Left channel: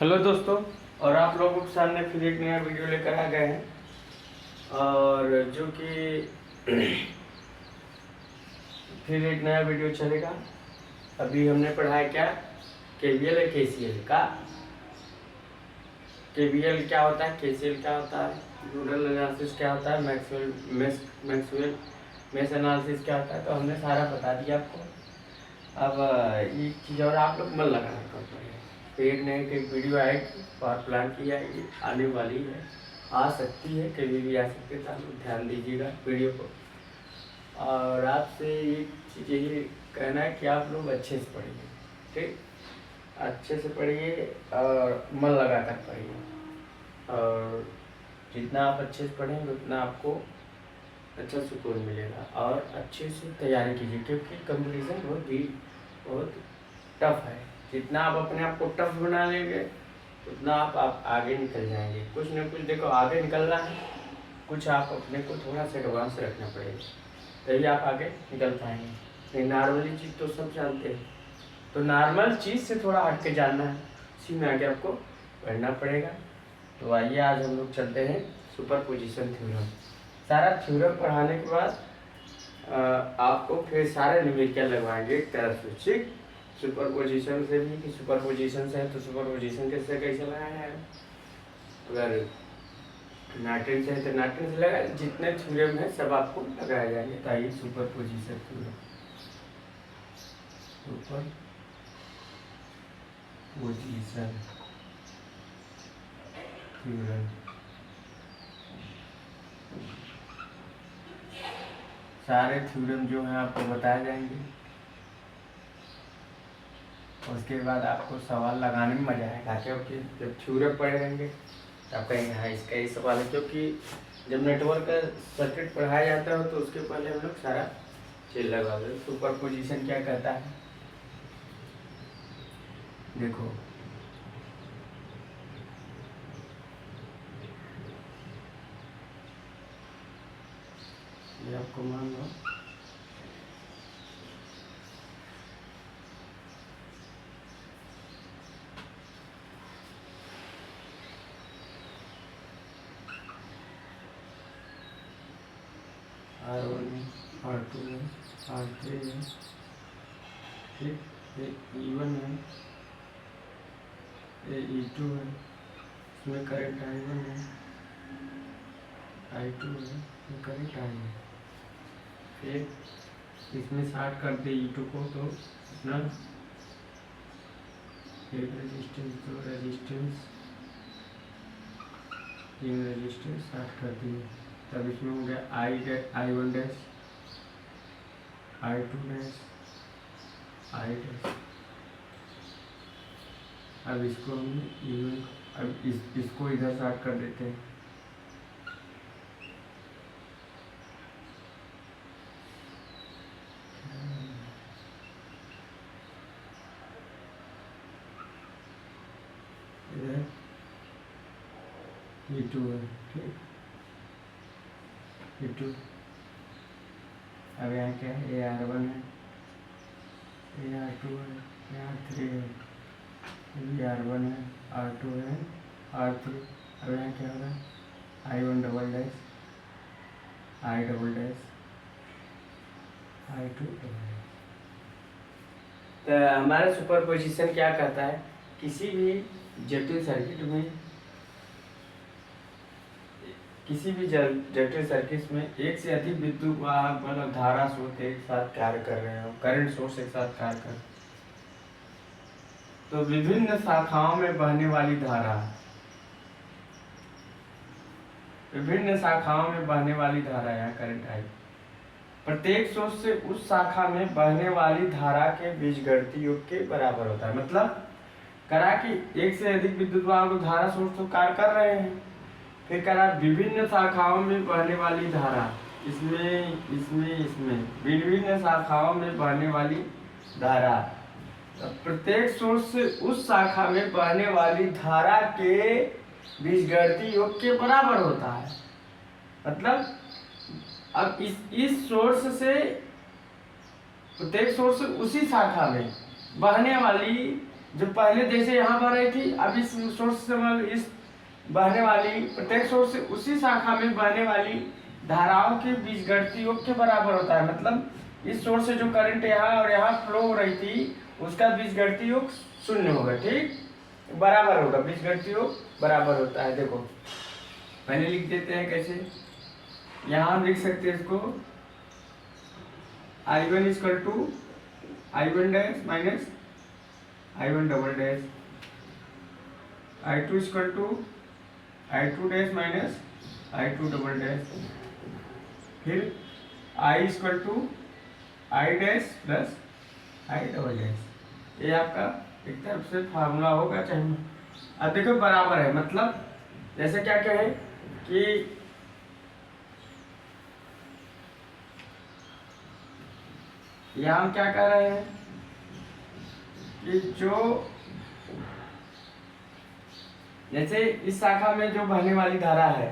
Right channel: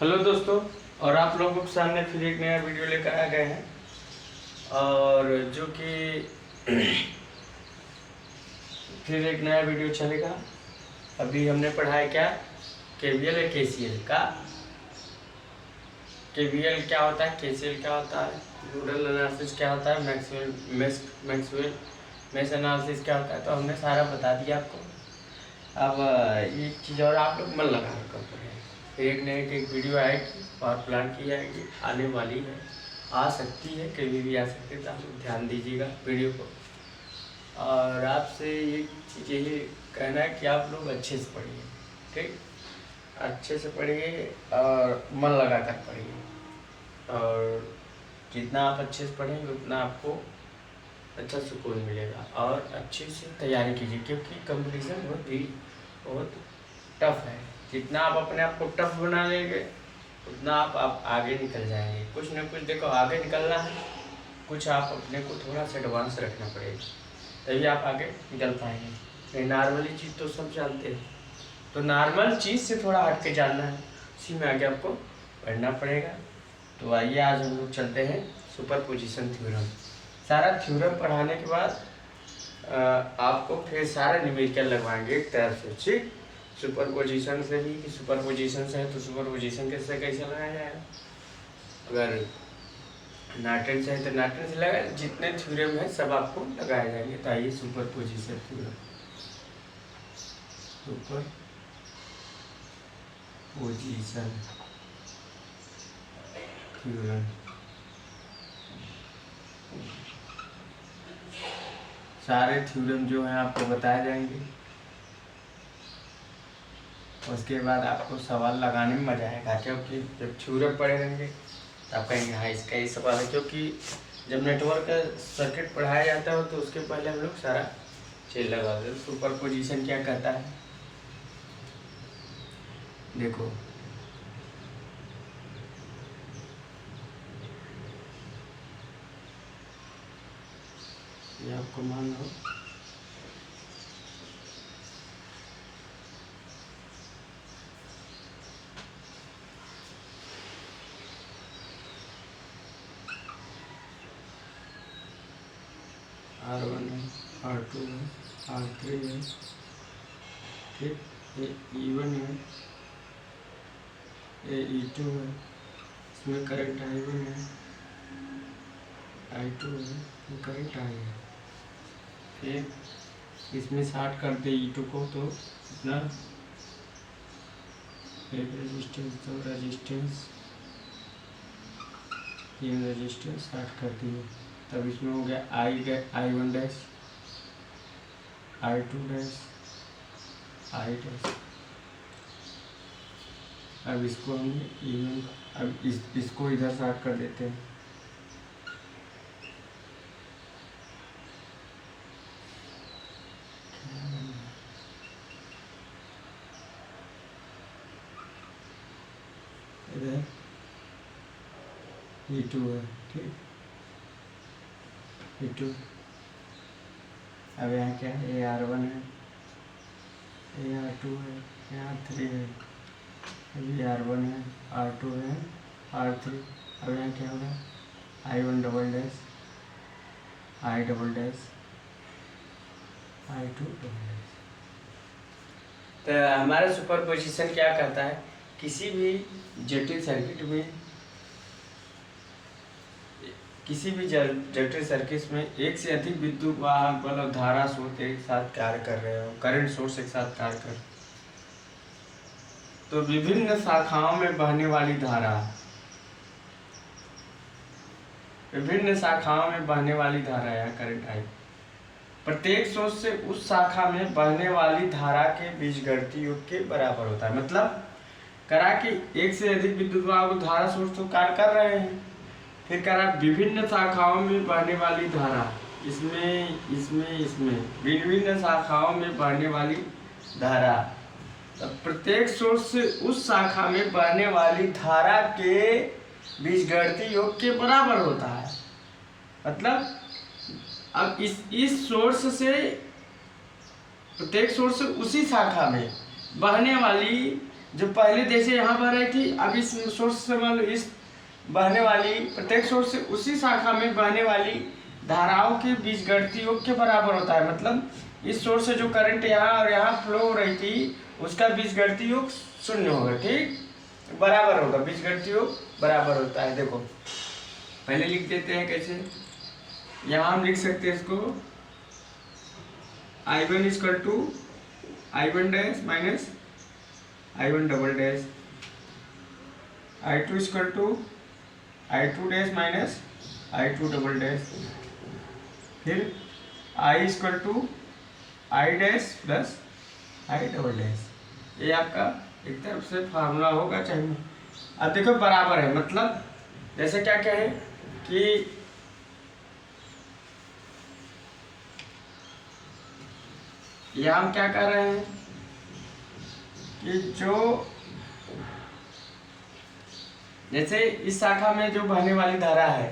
Hello दोस्तों, और आप लोगों के सामने फिर एक नया वीडियो लेकर आ गए हैं। और जो कि फिर एक नया वीडियो चलेगा। अभी हमने पढ़ा है क्या, केवीएल है केसीएल का। केवीएल क्या होता है, केसीएल क्या होता है, नोडल एनालिसिस क्या होता है, मैक्सवेल मेश एनालिसिस क्या होता है। तो हमने सारा बता दिया आपको। अब एक चीज़ और आप लोग मन लगाना कर पड़ेगा। फिर एक नई एक वीडियो आएगी और प्लान की जाएगी, आने वाली है, आ सकती है, कभी भी आ सकती है। तो आप लोग ध्यान दीजिएगा वीडियो को। और आपसे ये चीज़ यही कहना है कि आप लोग अच्छे से पढ़िए, ठीक, अच्छे से पढ़िए और मन लगा कर पढ़िए। और जितना आप अच्छे से पढ़ेंगे उतना आपको अच्छा सुकून मिलेगा। और अच्छे से तैयारी कीजिए, क्योंकि कंपटीशन बहुत टफ है। जितना आप अपने आप को टफ बना लेंगे उतना आप आगे निकल जाएंगे। कुछ न कुछ देखो, आगे निकलना है, कुछ आप अपने को थोड़ा सा एडवांस रखना पड़ेगा, तभी आप आगे निकल पाएंगे। नहीं, नॉर्मली चीज़ तो सब जानते हैं, तो नॉर्मल चीज़ से थोड़ा हट के जानना है, उसी में आगे आपको पढ़ना पड़ेगा। तो आइए आज हम लोग चलते हैं सुपरपोजिशन थ्योरम। सारा थ्योरम पढ़ाने के बाद आपको फिर सारे न्यूमेरिकल लगवाएंगे एक तरफ से, ठीक। सुपरपोजिशन से भी कि सुपरपोजिशन से है तो सुपरपोजिशन कैसे लगाया जाएगा, अगर नाटन से है तो नाटन से लगाए। जितने थ्योरम है सब आपको लगाए जाएंगे। तो आइए सुपरपोजिशन थ्योरम, सुपरपोजिशन थ्योरम। सारे थ्योरम जो हैं आपको बताए जाएंगे। उसके बाद आपको सवाल लगाने में मजा आएगा, क्योंकि जब थ्योरम पढ़े रहेंगे तो आप कहेंगे हाँ इसका ही सवाल है। क्योंकि जब नेटवर्क का सर्किट पढ़ाया जाता है तो उसके पहले हम लोग सारा चीज लगा देते। सुपरपोजिशन क्या कहता है, देखो, ये आपको मान लो R1 है, R2 है, R3 है, ठीक, ये E1 है, ये E2 है, इसमें करंट I1 है, I2 है, इसमें करंट I है। फिर इसमें शार्ट कर दे E2 को तो इतना, एक रेजिस्टेंस, दो रेजिस्टेंस, तीन रेजिस्टेंस शार्ट कर दिए। तब इसमें हो गया I1 dash, I2 dash, I dash. अब इसको हम E1, अब इसको इधर शार्ट कर देते हैं। इधर E2 है, ठीक, E2। अब यहाँ क्या है, ये R1 है, ये R2 है, ये R3 है, ये R1 है, R2 है, R3। अब यहाँ क्या होगा, I1 double dash, I double dash, I2 double dash. तो हमारा सुपरपोजिशन क्या कहता है, किसी भी जटिल सर्किट में, किसी भी जटिल सर्किट में एक से अधिक विद्युत वाहक बल और धारा स्रोत एक साथ कार्य कर रहे हो, करंट सोर्स एक साथ कार्य कर, तो विभिन्न शाखाओं में बहने वाली धारा, विभिन्न शाखाओं में बहने वाली धारा या करंट आई, प्रत्येक सोर्स से उस शाखा में बहने वाली धारा के बीजगणितीय योग के बराबर होता है। मतलब करा कि एक से अधिक विद्युत वाहक धारा स्रोत तो कार्य कर रहे हैं, फिर करा विभिन्न शाखाओं में बहने वाली धारा, इसमें इसमें इसमें विभिन्न शाखाओं में बहने वाली धारा, प्रत्येक सोर्स से उस शाखा में बहने वाली धारा के बीजगणितीय योग के बराबर होता है। मतलब अब इस सोर्स से, प्रत्येक सोर्स से उसी शाखा में बहने वाली जो पहले जैसे यहाँ बह रही थी, अब इस सोर्स से मतलब इस बहने वाली प्रत्येक सोर्स से उसी शाखा में बहने वाली धाराओं के बीजगणितीय योग के बराबर होता है। मतलब इस सोर्स से जो करंट यहाँ और यहाँ फ्लो हो रही थी उसका बीजगणितीय योग शून्य होगा, ठीक, बराबर होगा, बीजगणितीय योग बराबर होता है। देखो पहले लिख देते हैं कैसे, यहाँ हम लिख सकते हैं इसको I1 equal to I1 dash minus I1 double dash, I2 equal to I2 dash minus I2 double dash, फिर I equal to I dash plus I double dash. ये आपका एक तरफ से फार्मूला होगा चाहे। अब देखो बराबर है, मतलब जैसे क्या कहें कि यहाँ हम क्या कर रहे हैं कि जो जैसे इस शाखा में जो बहने वाली धारा है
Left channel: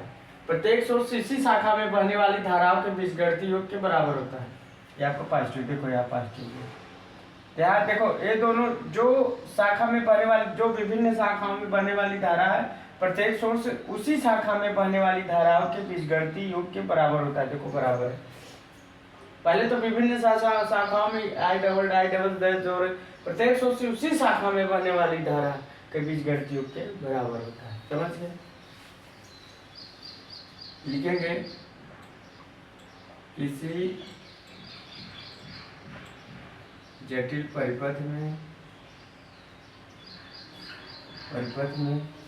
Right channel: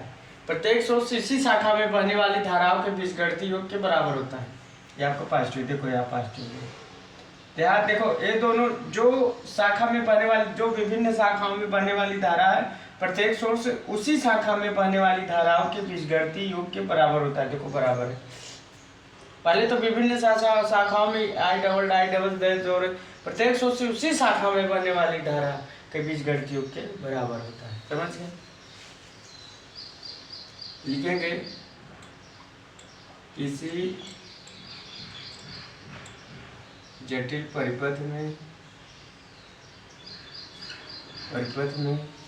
प्रत्येक सोर्स इसी शाखा में बहने वाली धाराओं के बीजगणितीय योग के बराबर होता है। ये आपको पॉजिटिव, देखो यहाँ पॉजिटिव है, यहाँ देखो ये दोनों जो शाखा में बहने वाली, जो विभिन्न शाखाओं में बहने वाली धारा है प्रत्येक सोर्स उसी शाखा में बहने वाली धाराओं के बीजगणितीय योग के बराबर होता है। देखो बराबर है, पहले तो विभिन्न शाखाओं में आई डबल जो प्रत्येक सोर्स से उसी शाखा में बहने वाली धारा के बीजगणितीय योग के बराबर होता है। समझ गए? लिखेंगे किसी जटिल परिपथ में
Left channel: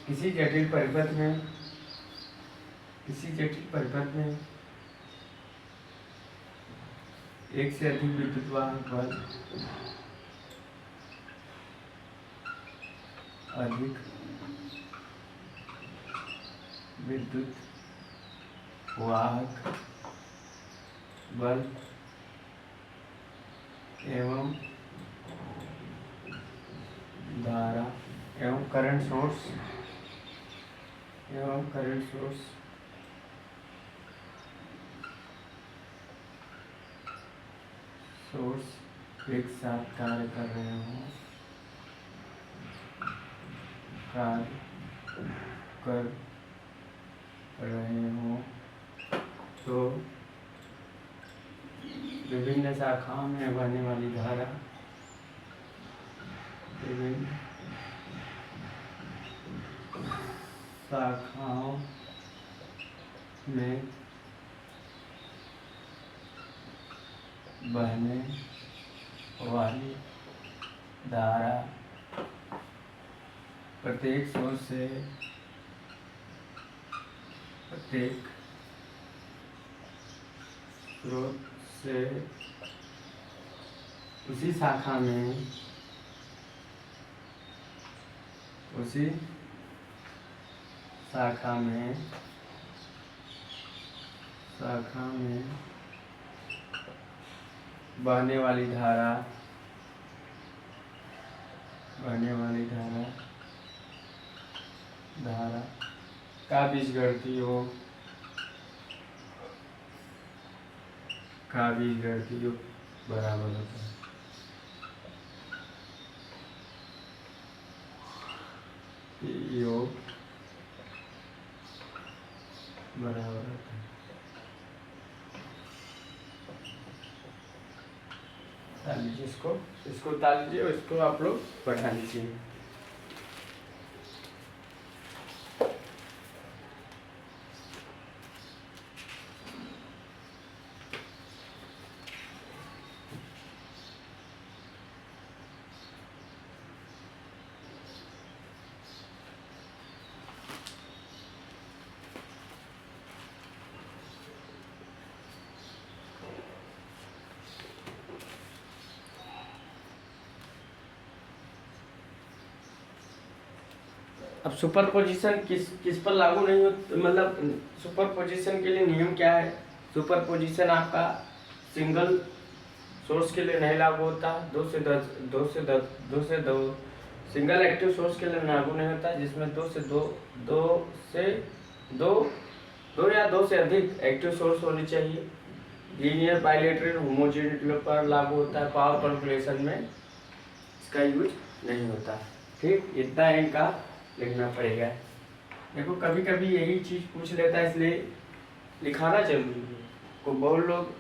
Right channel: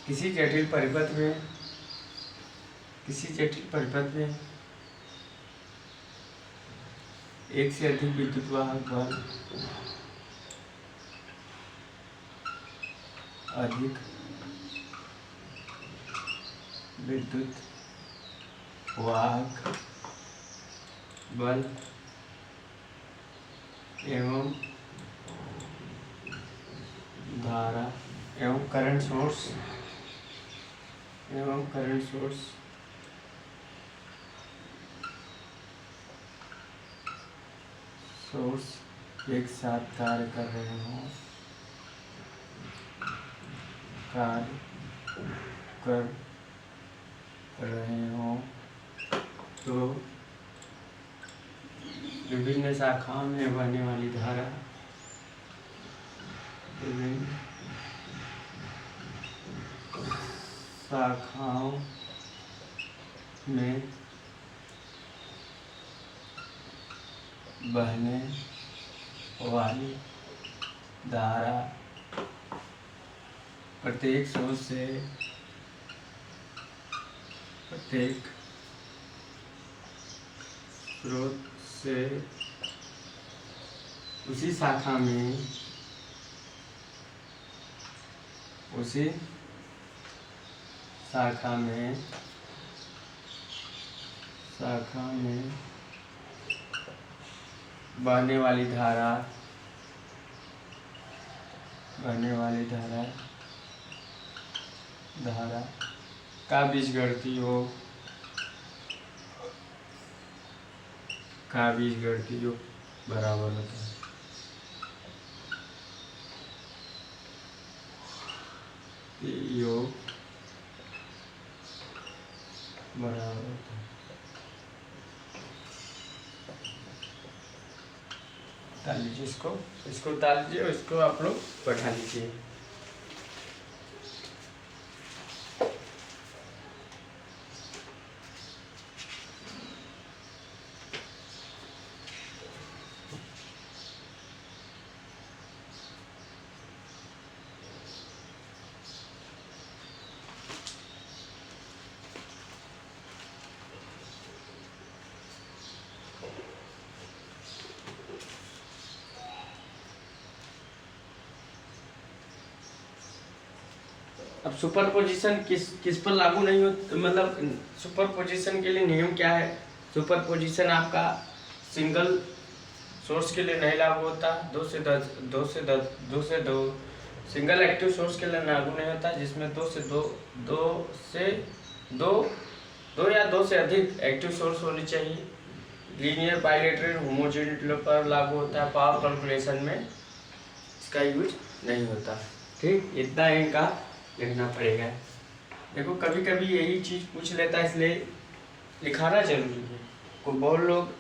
किसी जटिल परिपथ में एक से अधिक विद्युत वाहक बल एवं धारा एवं करंट सोर्स एक साथ कार्य कर रहे हो तो विभिन्न शाखाओं में बहने वाली धारा प्रत्येक सोर्स से उसी शाखा में बहने वाली धारा का बीजगणितीय योग बराबर होता है। योग बराबर होता है। उतार लीजिए, इसको उतार लीजिए और इसको आप लोग बैठा लीजिए। अब सुपरपोजिशन किस पर लागू नहीं हो, मतलब सुपरपोजिशन के लिए नियम क्या है? सुपरपोजिशन आपका सिंगल सोर्स के लिए नहीं लागू होता, दो से दो सिंगल एक्टिव सोर्स के लिए लागू नहीं होता, जिसमें दो या दो से अधिक एक्टिव सोर्स होनी चाहिए। लीनियर बाइलेटरल होमोजेनिटी पर लागू होता है। पावर कैलकुलेशन में इसका यूज नहीं होता। ठीक, इतना इनका लिखना पड़ेगा। देखो कभी कभी यही चीज़ पूछ लेता है, इसलिए लिखाना जरूरी है। को बहुत लोग,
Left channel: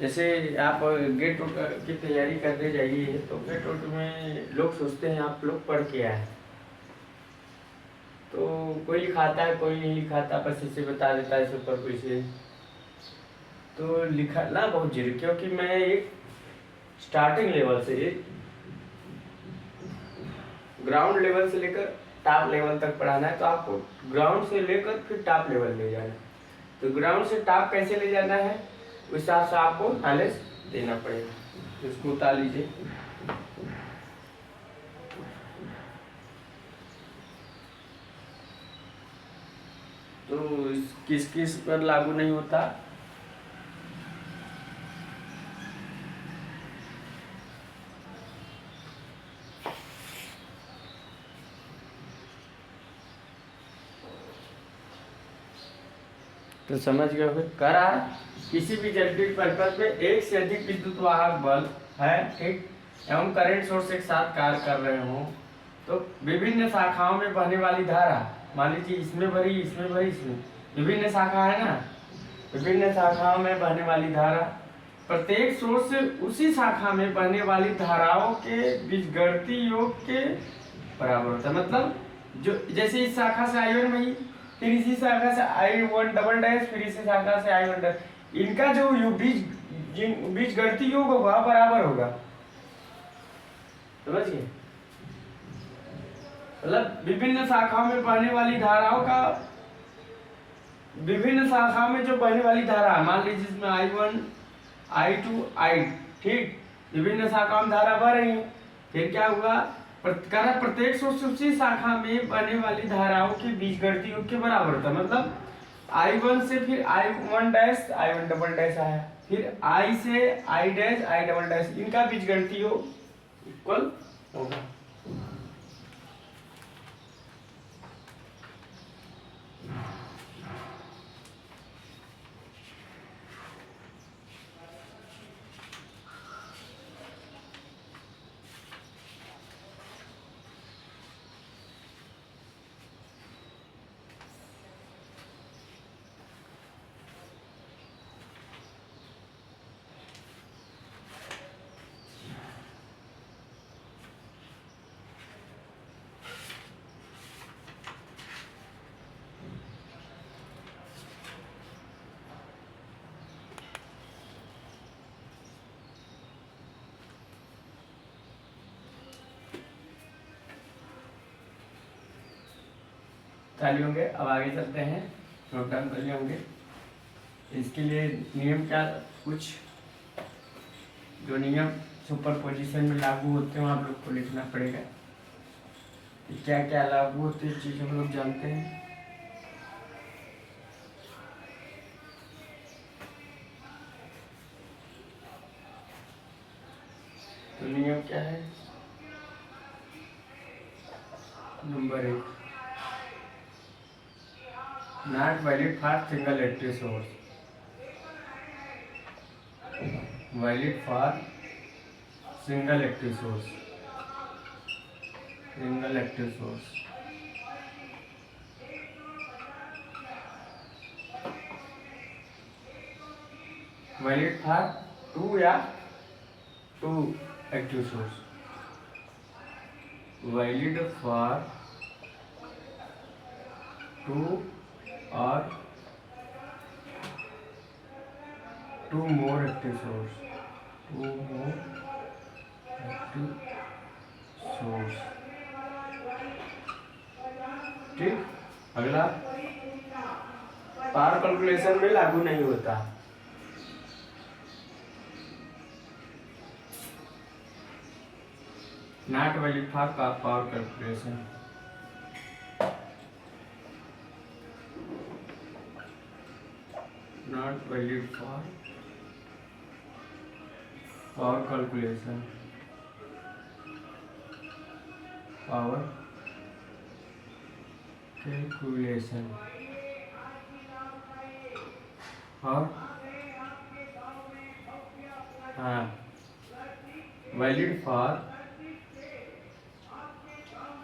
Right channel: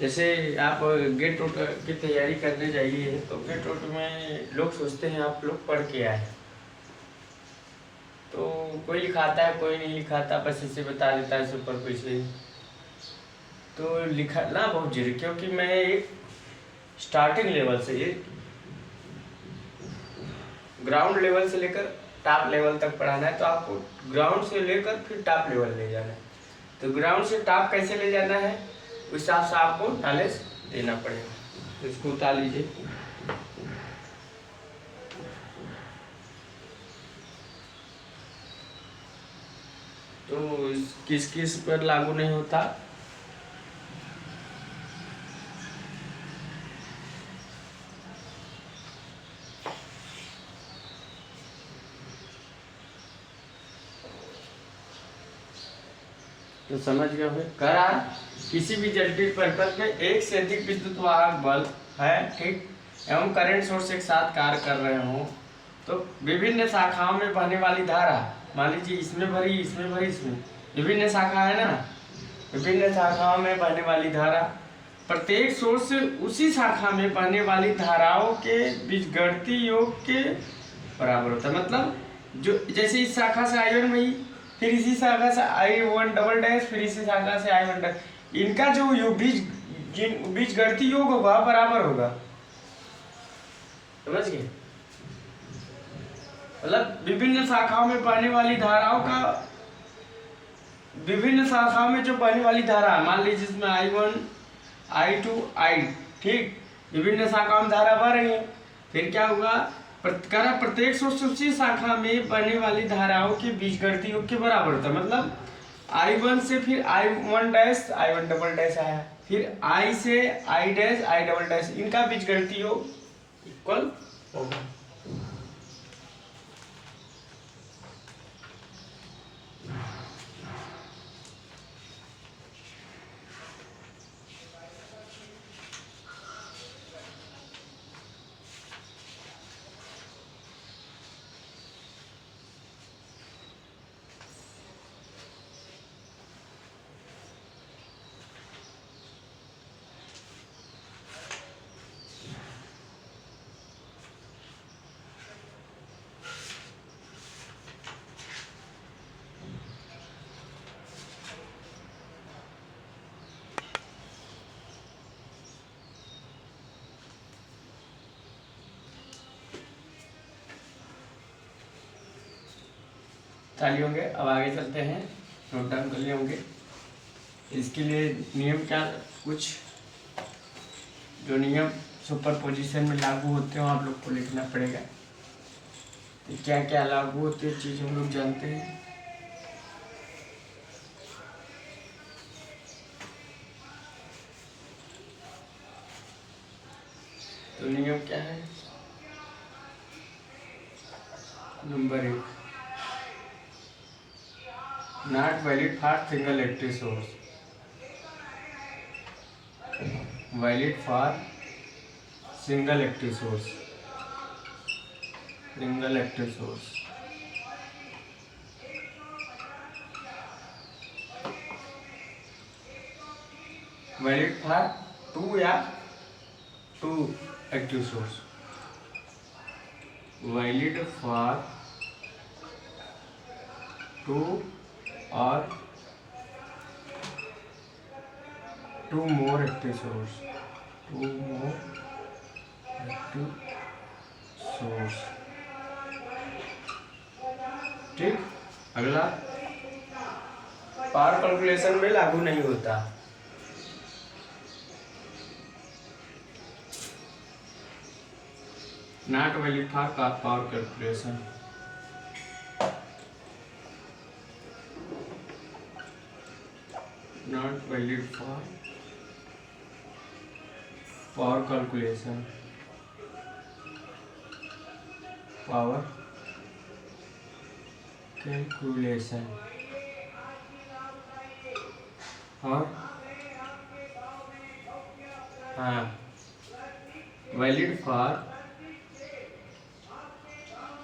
जैसे आप गेट वोट की तैयारी करने जाइए तो गेट वोट में लोग सोचते हैं आप लोग पढ़ के आए, तो कोई लिखाता है कोई नहीं लिखाता, बस इसे बता देता है सुपर कोई से। तो लिखना बहुत जरूरी, क्योंकि मैं एक स्टार्टिंग लेवल से, एक ग्राउंड लेवल से लेकर टॉप लेवल तक पढ़ाना है, तो आपको ग्राउंड से लेकर फिर टॉप लेवल ले जाना है। तो ग्राउंड से टॉप कैसे ले जाना है, उस हिसाब से आपको नॉलेज देना पड़ेगा। तो इसको उतार लीजिए। तो किस किस पर लागू नहीं होता, तो समझ गए होंगे। कह रहा है किसी भी जलविद्युत परिपथ में एक से अधिक विद्युत वाहक बल है, ठीक, एवं करंट सोर्स एक साथ कार्य कर रहे हों, तो विभिन्न शाखाओं में बहने वाली धारा, मान लीजिए इसमें भरी इसमें भरी इसमें, विभिन्न शाखा है ना, विभिन्न शाखाओं में बहने वाली धारा प्रत्येक सोर्स से उसी शाखा में बहने वाली धाराओं के बीजगणितीय योग के बराबर होता है। मतलब जो जैसे इस शाखा से I1 गई, फिर इसी शाखा से I1 डबल डैश, फिर इसी शाखा से I1 डैश, इनका जो योग बीजगणितीय योग होगा बराबर होगा। समझ गए? मतलब विभिन्न शाखाओं में बहने वाली धाराओं का, विभिन्न शाखाओं में जो बहने वाली धारा है, मान लीजिए इसमें I1 I2 I, ठीक, विभिन्न शाखाओं में धारा बह रही है, फिर क्या होगा, प्रत्येक सोर्स उसी शाखा में बहने वाली धाराओं के बीजगणितीय योग के बराबर होता है। मतलब I1 से फिर I1 dash I1 double dash आया, फिर I से I dash I double dash, इनका बीजगणितीय योग इक्वल होगा। चालू होंगे। अब आगे चलते हैं, नोट डाउन कर लिए होंगे। इसके लिए नियम क्या, कुछ जो नियम सुपर पोजीशन में लागू होते हैं आप लोग को लिखना पड़ेगा। तो क्या क्या लागू होते हैं चीज़ हम लोग जानते हैं। तो नियम क्या है, number 1, not valid for single active source, valid for single active source, single active source. Valid for 2 या 2 एक्टिव सोर्स, वैलिड फॉर 2 और 2 more active source, 2 more active source, ठीक। अगला पावर कैलकुलेशन में लागू नहीं होता, not valid for power calculation, not valid for power calculation, power calculation. और हाँ, valid for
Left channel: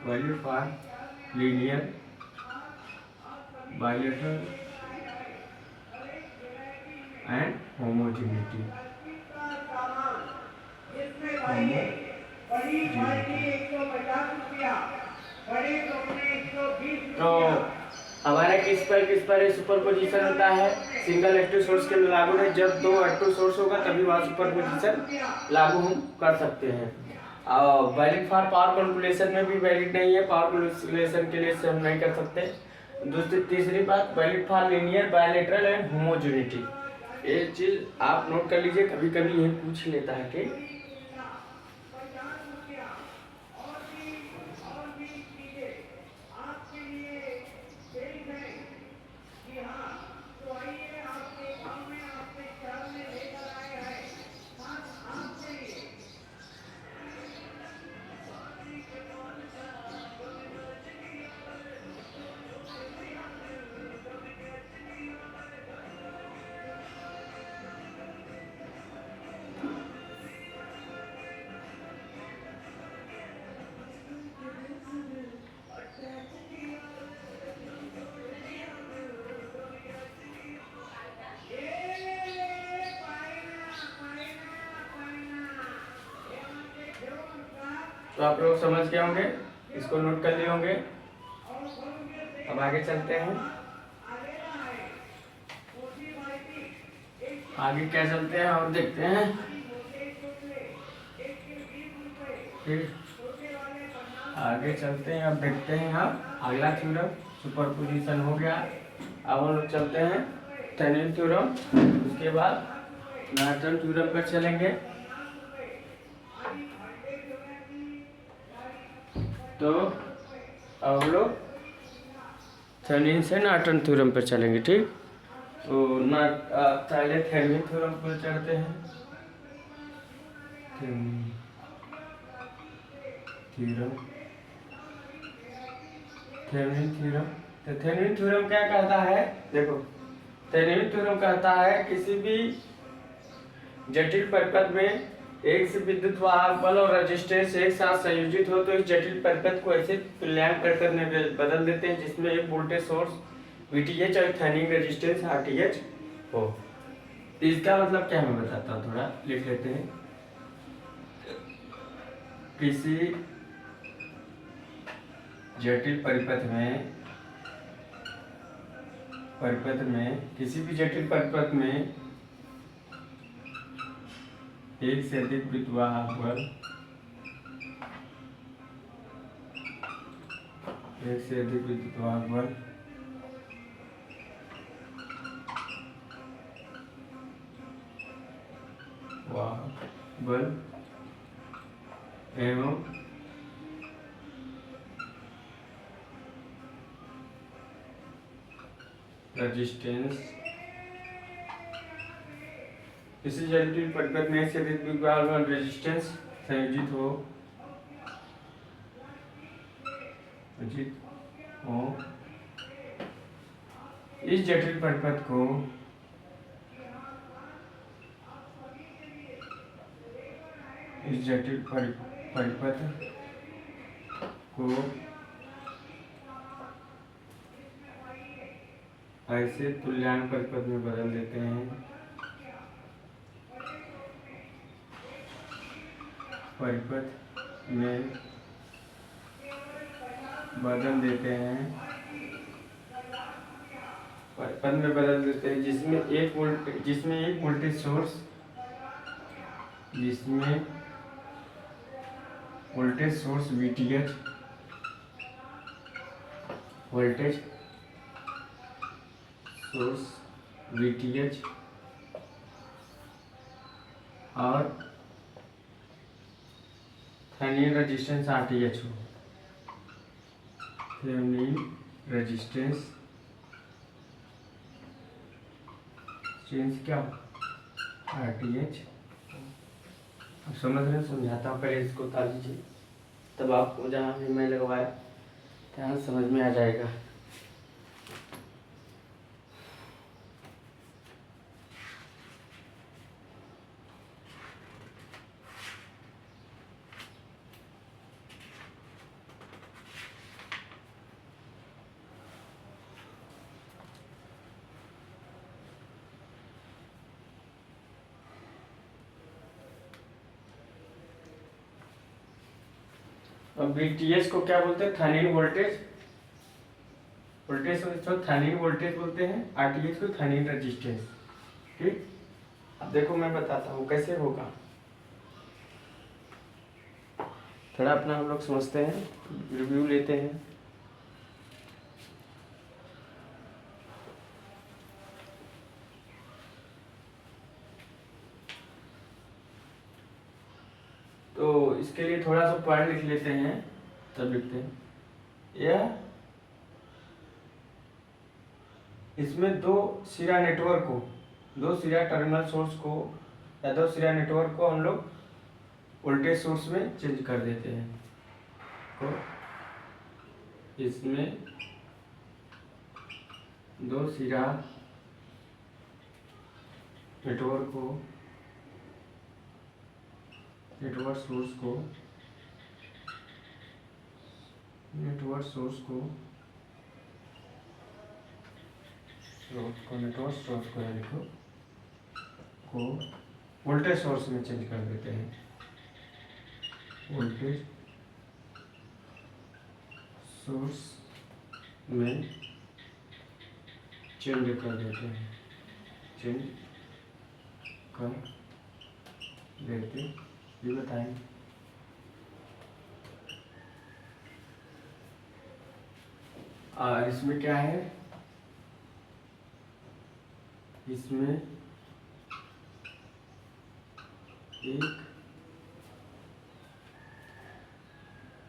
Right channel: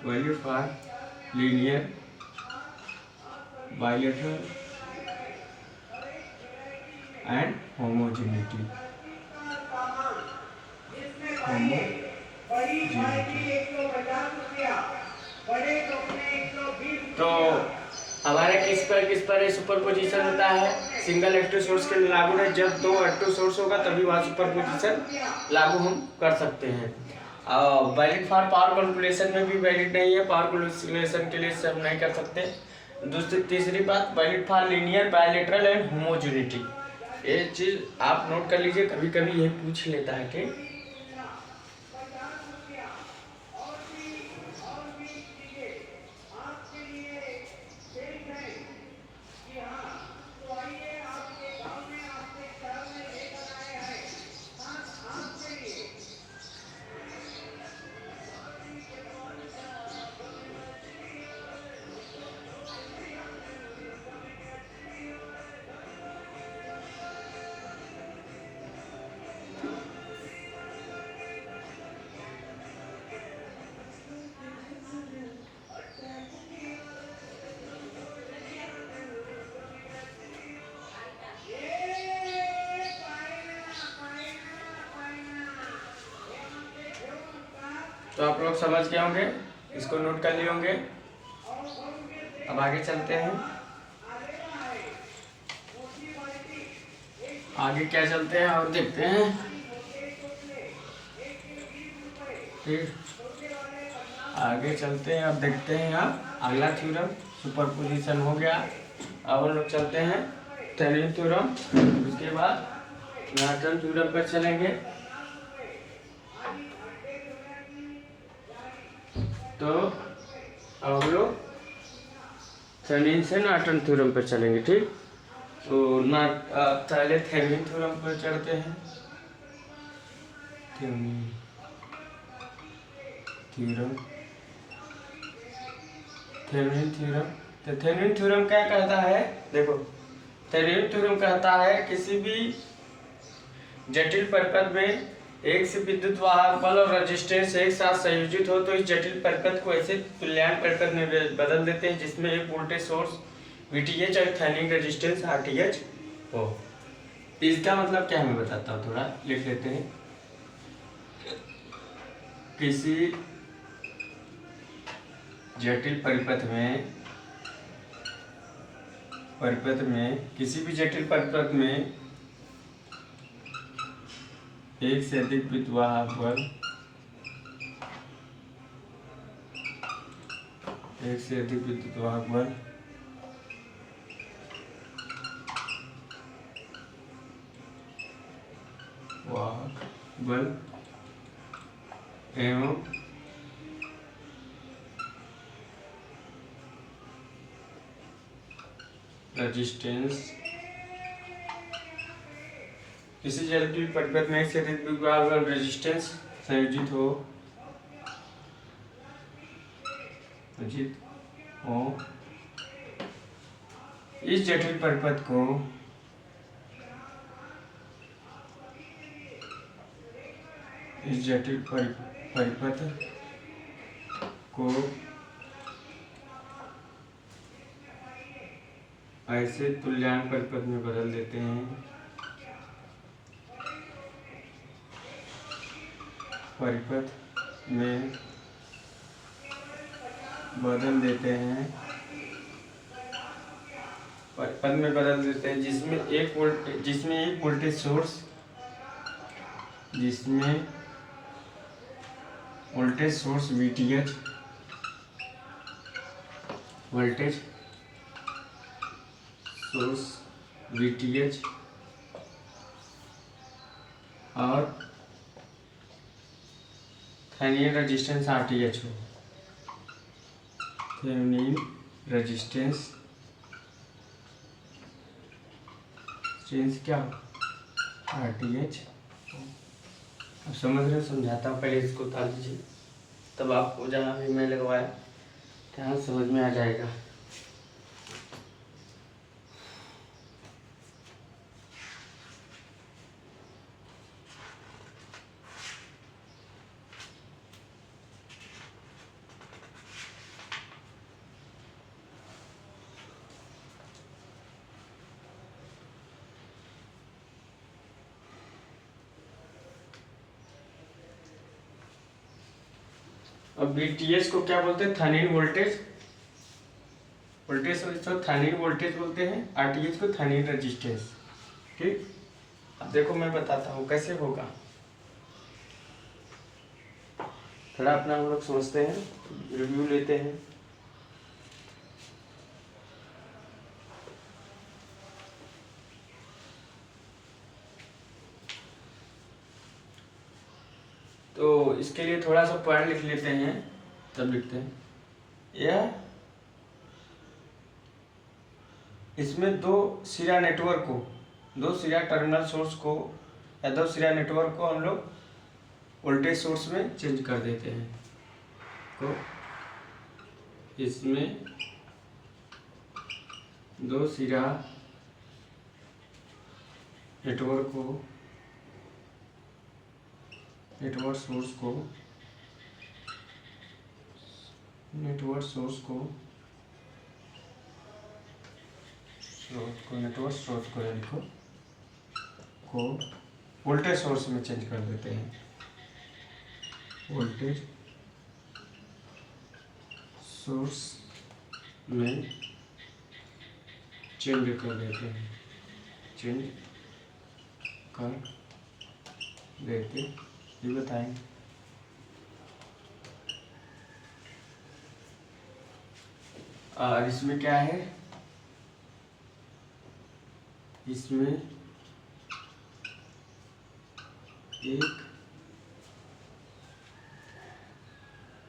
value for linear bilateral and homogeneity. तो हमारे किस पर सुपर पोजिशन होता है? सिंगल एक्टिव सोर्स के लागू है। जब दो एक्टिव सोर्स होगा तभी वहाँ सुपर पोजिशन लागू हम कर सकते हैं। और वैलिड फॉर पावर कैलकुलेशन में भी वैलिड नहीं है, पावर कैलकुलेशन के लिए इसे हम नहीं कर सकते। तीसरी बात, valid for linear bilateral and homogeneity. ये चीज आप नोट कर लीजिए, कभी कभी ये पूछ लेता है। ठीक, तो आप लोग समझ गए होंगे, इसको नोट कर लिए होंगे। अब आगे चलते हैं। आगे क्या चलते हैं और देखते हैं। ठीक, आगे चलते हैं और देखते हैं। यहाँ अगला थ्योरम सुपरपोजिशन हो गया। अब हम लोग चलते हैं थेवेनिन थ्योरम, उसके बाद नॉर्टन थ्योरम पर चलेंगे। तो अब हम लोग थेवेनिन से नॉर्टन थ्योरम पर चलेंगे। ठीक, तो पहले थेवेनिन थ्योरम पर चढ़ते हैं। Thevenin theorem, Thevenin theorem. तो थेवेनिन थ्योरम क्या कहता है? देखो, थेवेनिन थ्योरम कहता है किसी भी जटिल परिपथ में एक से विद्युत वाहक बल और रेजिस्टेंस एक साथ संयोजित हो तो इस जटिल परिपथ को ऐसे तुल्यांक परिपथ में बदल देते हैं जिसमें एक वोल्टेज सोर्स VTH और थेवेनिन रेजिस्टेंस RTH हो। इसका मतलब क्या मैं बताता हूँ, थोड़ा लिख लेते हैं। किसी जटिल परिपथ में किसी भी जटिल परिपथ में एक से अधिक विद्युतवाहक बल, एक से अधिक विद्युतवाहक बल एवं रेजिस्टेंस, किसी जटिल परिपथ में एक से अधिक विद्युतवाहक बल रेजिस्टेंस संयोजित हो इस जटिल परिपथ को ऐसे तुल्यांक परिपथ में बदल देते हैं, जिसमें एक वोल्टेज सोर्स VTH और थेवेनिन रेजिस्टेंस RTH हो। थेवेनिन रेजिस्टेंस क्या हो? RTH। अब समझ रहे, समझाता हूँ, पहले इसको उतार लीजिए, तब आपको जहाँ भी मैं लगवाया तहाँ समझ में आ जाएगा। अब VTH को क्या बोलते हैं? Thevenin voltage. वोल्टेज तो थेवेनिन वोल्टेज बोलते हैं, RTH को थेवेनिन रेजिस्टेंस। ठीक, अब देखो मैं बताता हूँ कैसे होगा। थोड़ा अपना हम लोग सोचते हैं, रिव्यू लेते हैं। तो इसके लिए थोड़ा सा पॉइंट लिख लेते हैं, तब लिखते हैं। यह इसमें दो सिरा नेटवर्क को, दो सिरा टर्मिनल सोर्स को या दो सिरा नेटवर्क को हम लोग वोल्टेज सोर्स में चेंज कर देते हैं। को इसमें दो सिरा नेटवर्क सोर्स को नेटवर्क सोर्स को देखो को वोल्टेज सोर्स में चेंज कर देते हैं। वोल्टेज सोर्स में चेंज कर देते हैं, चेंज कर देते, ये बताएं। और इसमें क्या है? इसमें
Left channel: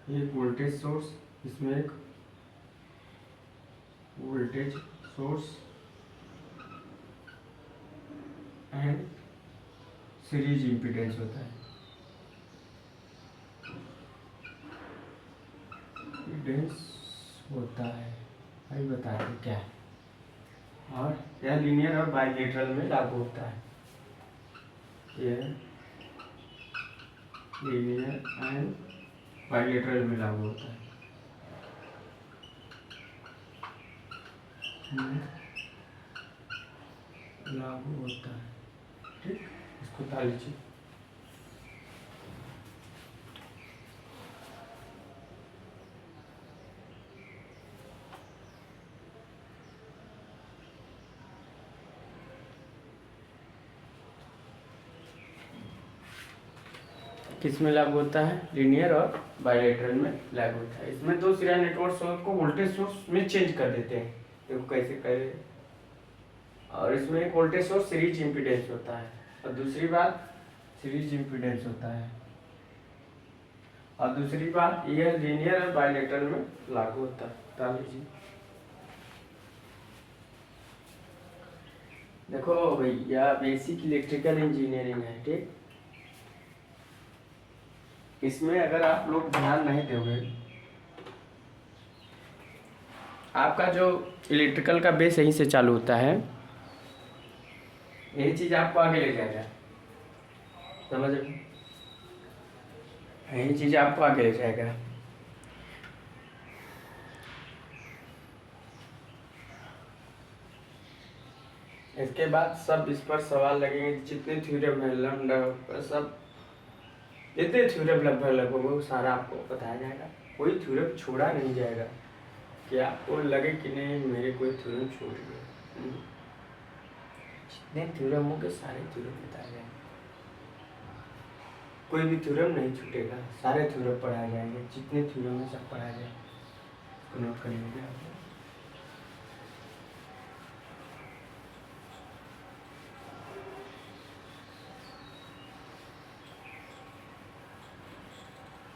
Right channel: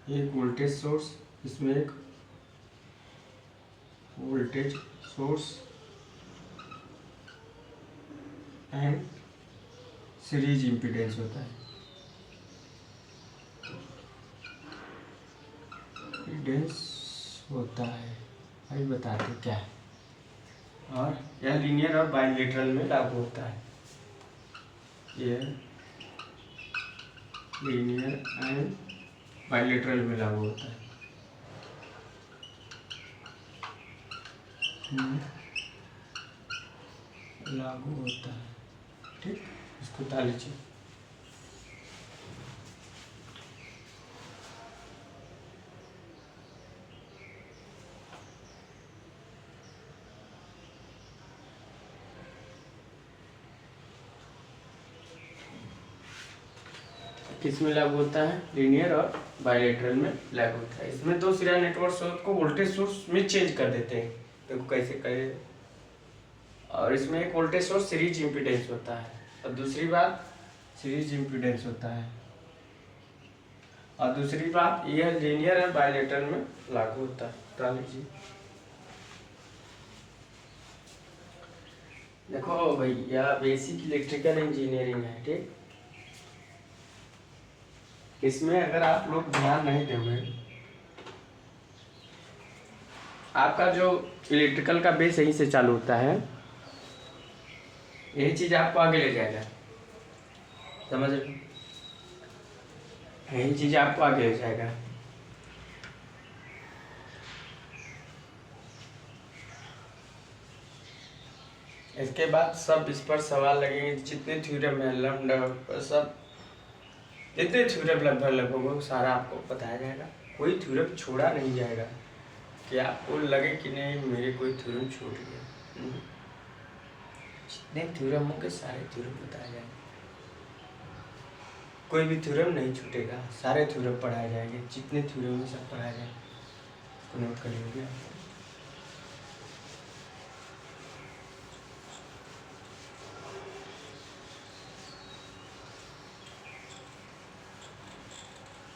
एक वोल्टेज सोर्स, इसमें एक voltage source and series impedance होता है। इम्पीडेंस होता है, अभी बताते क्या है। और यह लीनियर और बाइलेटरल में लागू होता है। यह लीनियर एंड बाइलेटरल में लागू होता है। लागू होता है, ठीक, इसको ताल लीजिए। किस में लागू होता है? लीनियर और बाइलेटरल में लागू होता है। इसमें दो सिरा नेटवर्क सोर्स को वोल्टेज सोर्स में चेंज कर देते हैं। देखो कैसे करे। और इसमें एक वोल्टेज सोर्स सीरीज इम्पीडेंस होता है, और दूसरी बात सीरीज इम्पीडेंस होता है, और दूसरी बात यह लीनियर और बाइलेटरल में लागू होता है। डाल लीजिए। देखो भैया, बेसिक इलेक्ट्रिकल इंजीनियरिंग है, ठीक। इसमें अगर आप लोग ध्यान नहीं दोगे, आपका जो इलेक्ट्रिकल का बेस यहीं से चालू होता है, यही चीज आपको आगे ले जाएगा, समझ रहे? यही चीज आपको आगे ले जाएगा। इसके बाद सब इस पर सवाल लगेंगे, जितने थ्योरम है लैम्डा सब, जितने थ्योरम लगभग वो सारा आपको बताया जाएगा। कोई थ्योरम छोड़ा नहीं जाएगा कि आपको लगे कि नहीं मेरे कोई थ्योरम छूट गया। जितने थ्योरम होंगे सारे थ्योरम बताए जाएंगे, कोई भी थ्योरम नहीं छूटेगा, सारे थ्योरम पढ़ाए जाएंगे। जितने थ्योरम है सब पढ़ाया जाएगा, तो नोट करिए आप।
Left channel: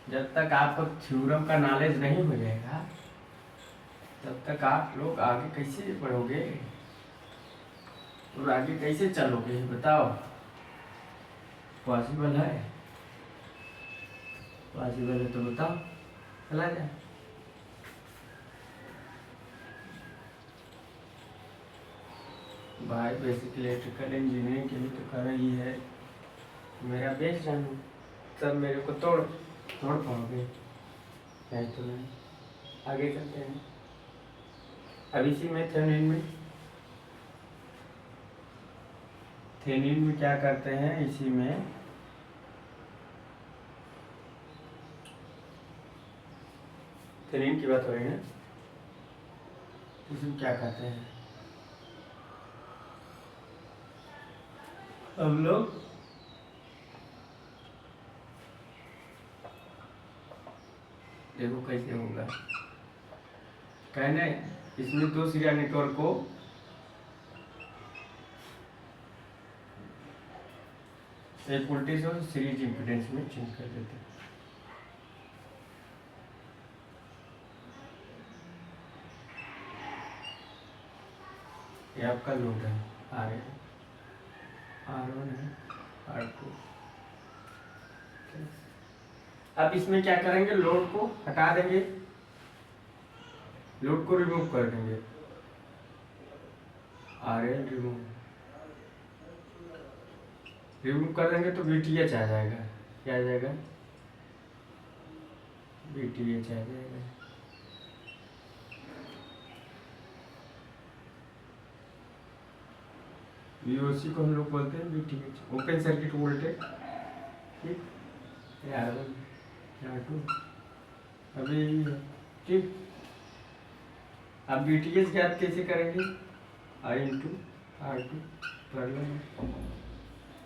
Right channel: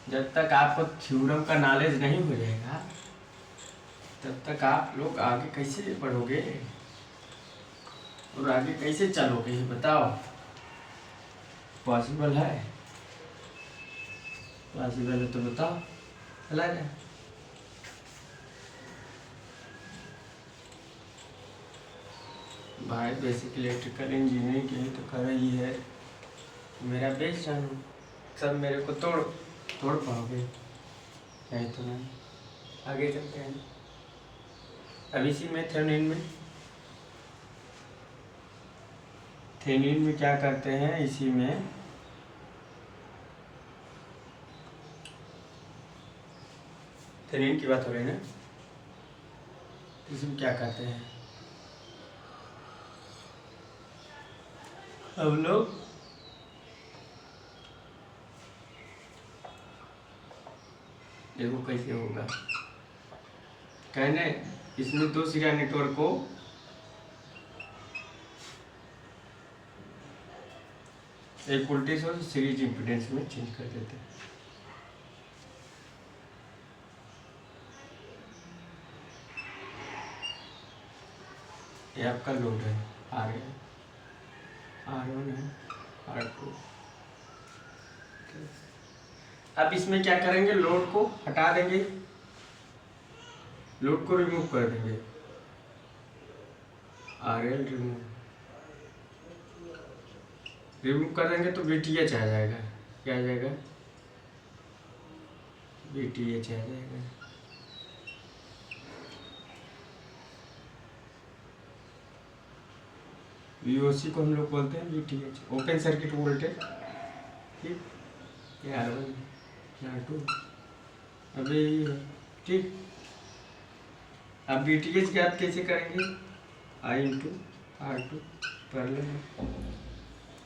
जब तक आपको थ्योरम का नॉलेज नहीं हो जाएगा, तब तक आप लोग आगे कैसे बढ़ोगे और आगे कैसे चलोगे, बताओ? पॉसिबल है? पॉसिबल है तो बताओ, चला जाए। भाई बेसिक इलेक्ट्रिकल इंजीनियरिंग के लिए तो कर ही है, मेरा बेस जानू, सब मेरे को तोड़ पाओगे, नहीं तो नहीं। आगे चलते हैं। अब इसी में थेवेनिन में क्या करते हैं, इसी में थेनिन की बात हो रही है, इसमें क्या कहते हैं हम लोग, देखो कैसे होगा। कहने इसमें 2 सीरियल नेटवर्क को एक वोल्टेज और सीरीज इम्पीडेंस में चेंज कर देते हैं। ये आपका लोड है, R1 है, R2। अब इसमें क्या करेंगे, लोड को हटा देंगे, लोड को रिमूव कर देंगे, RL रिमूव कर देंगे तो VTH आ जाएगा। क्या आ जाएगा, VTH आ जाएगा। VOC को हम लोग बोलते हैं VTH, ओपन सर्किट वोल्टेज। ठीक, ये R1 R2 अभी ठीक। अब VTH ज्ञात कैसे करेंगे, I इंटू R2 पैरेलल,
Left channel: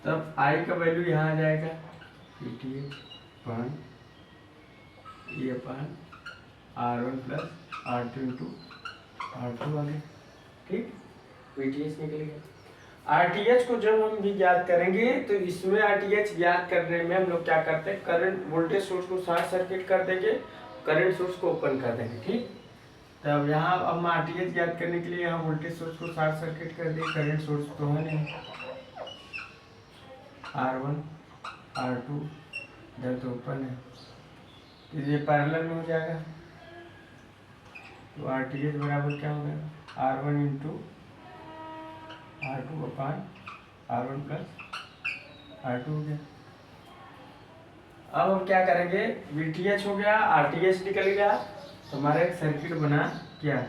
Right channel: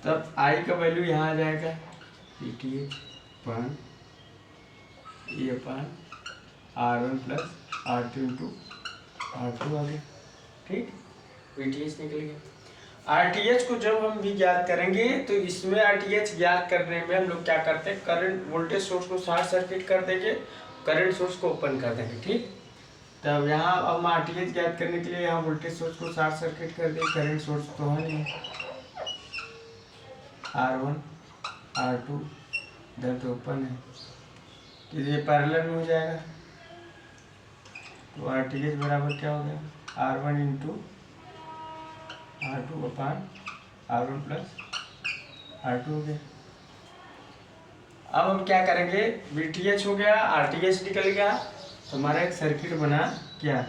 तब I का वैल्यू यहाँ आ जाएगा VTH अपन ये अपन R1 plus R2 into R2 आ गया। ठीक, VTH निकल गया। RTH को जब हम भी ज्ञात करेंगे तो इसमें RTH ज्ञात करने में हम लोग क्या करते हैं, करंट वोल्टेज सोर्स को शॉर्ट सर्किट कर देंगे, करंट सोर्स को ओपन कर देंगे। ठीक, तब यहाँ अब RTH ज्ञात करने के लिए यहाँ वोल्टेज सोर्स को शॉर्ट सर्किट कर देंगे, करंट सोर्स तो है नहीं, R1 R2 इधर तो ओपन है, तो ये पैरेलल में हो जाएगा। तो RTH बराबर क्या हो गया, R1 इंटू R2 अपान R1 प्लस R2 हो गया। अब हम क्या करेंगे, VTH हो गया, RTH निकल गया, तो हमारा एक सर्किट बना क्या,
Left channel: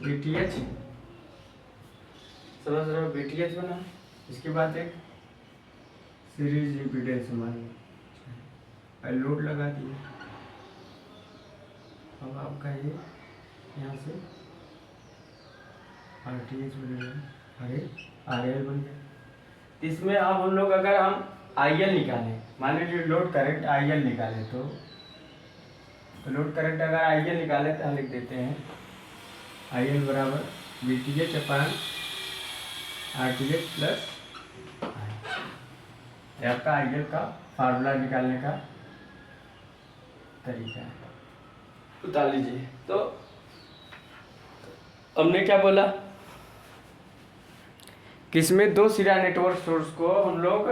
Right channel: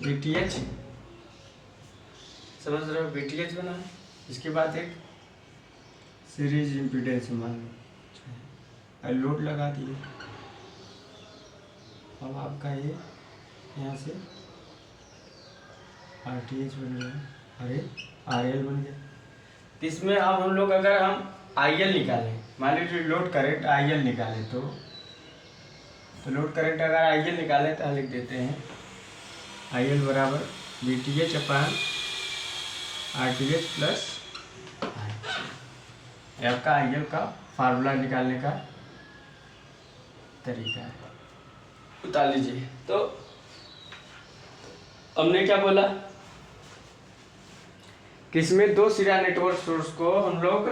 VTH, समझ रहे हो, VTH बना। इसके बाद एक सीरीज इम्पीडेंस मान लो, लोड लगा दिए। अब आपका ये यहाँ से RTH बन गया, अरे RL बन गया। इसमें अब हम लोग अगर हम IL निकालें, मान लीजिए लोड करंट IL निकालें, तो लोड करंट अगर IL निकालें तो लिख देते हैं IL बराबर VTH अपान RTH प्लस आपका IL का फार्मूला निकालने का तरीका है, उतार लीजिए। तो हमने क्या बोला, किसमें 2 सीरियल नेटवर्क सोर्स को हम लोग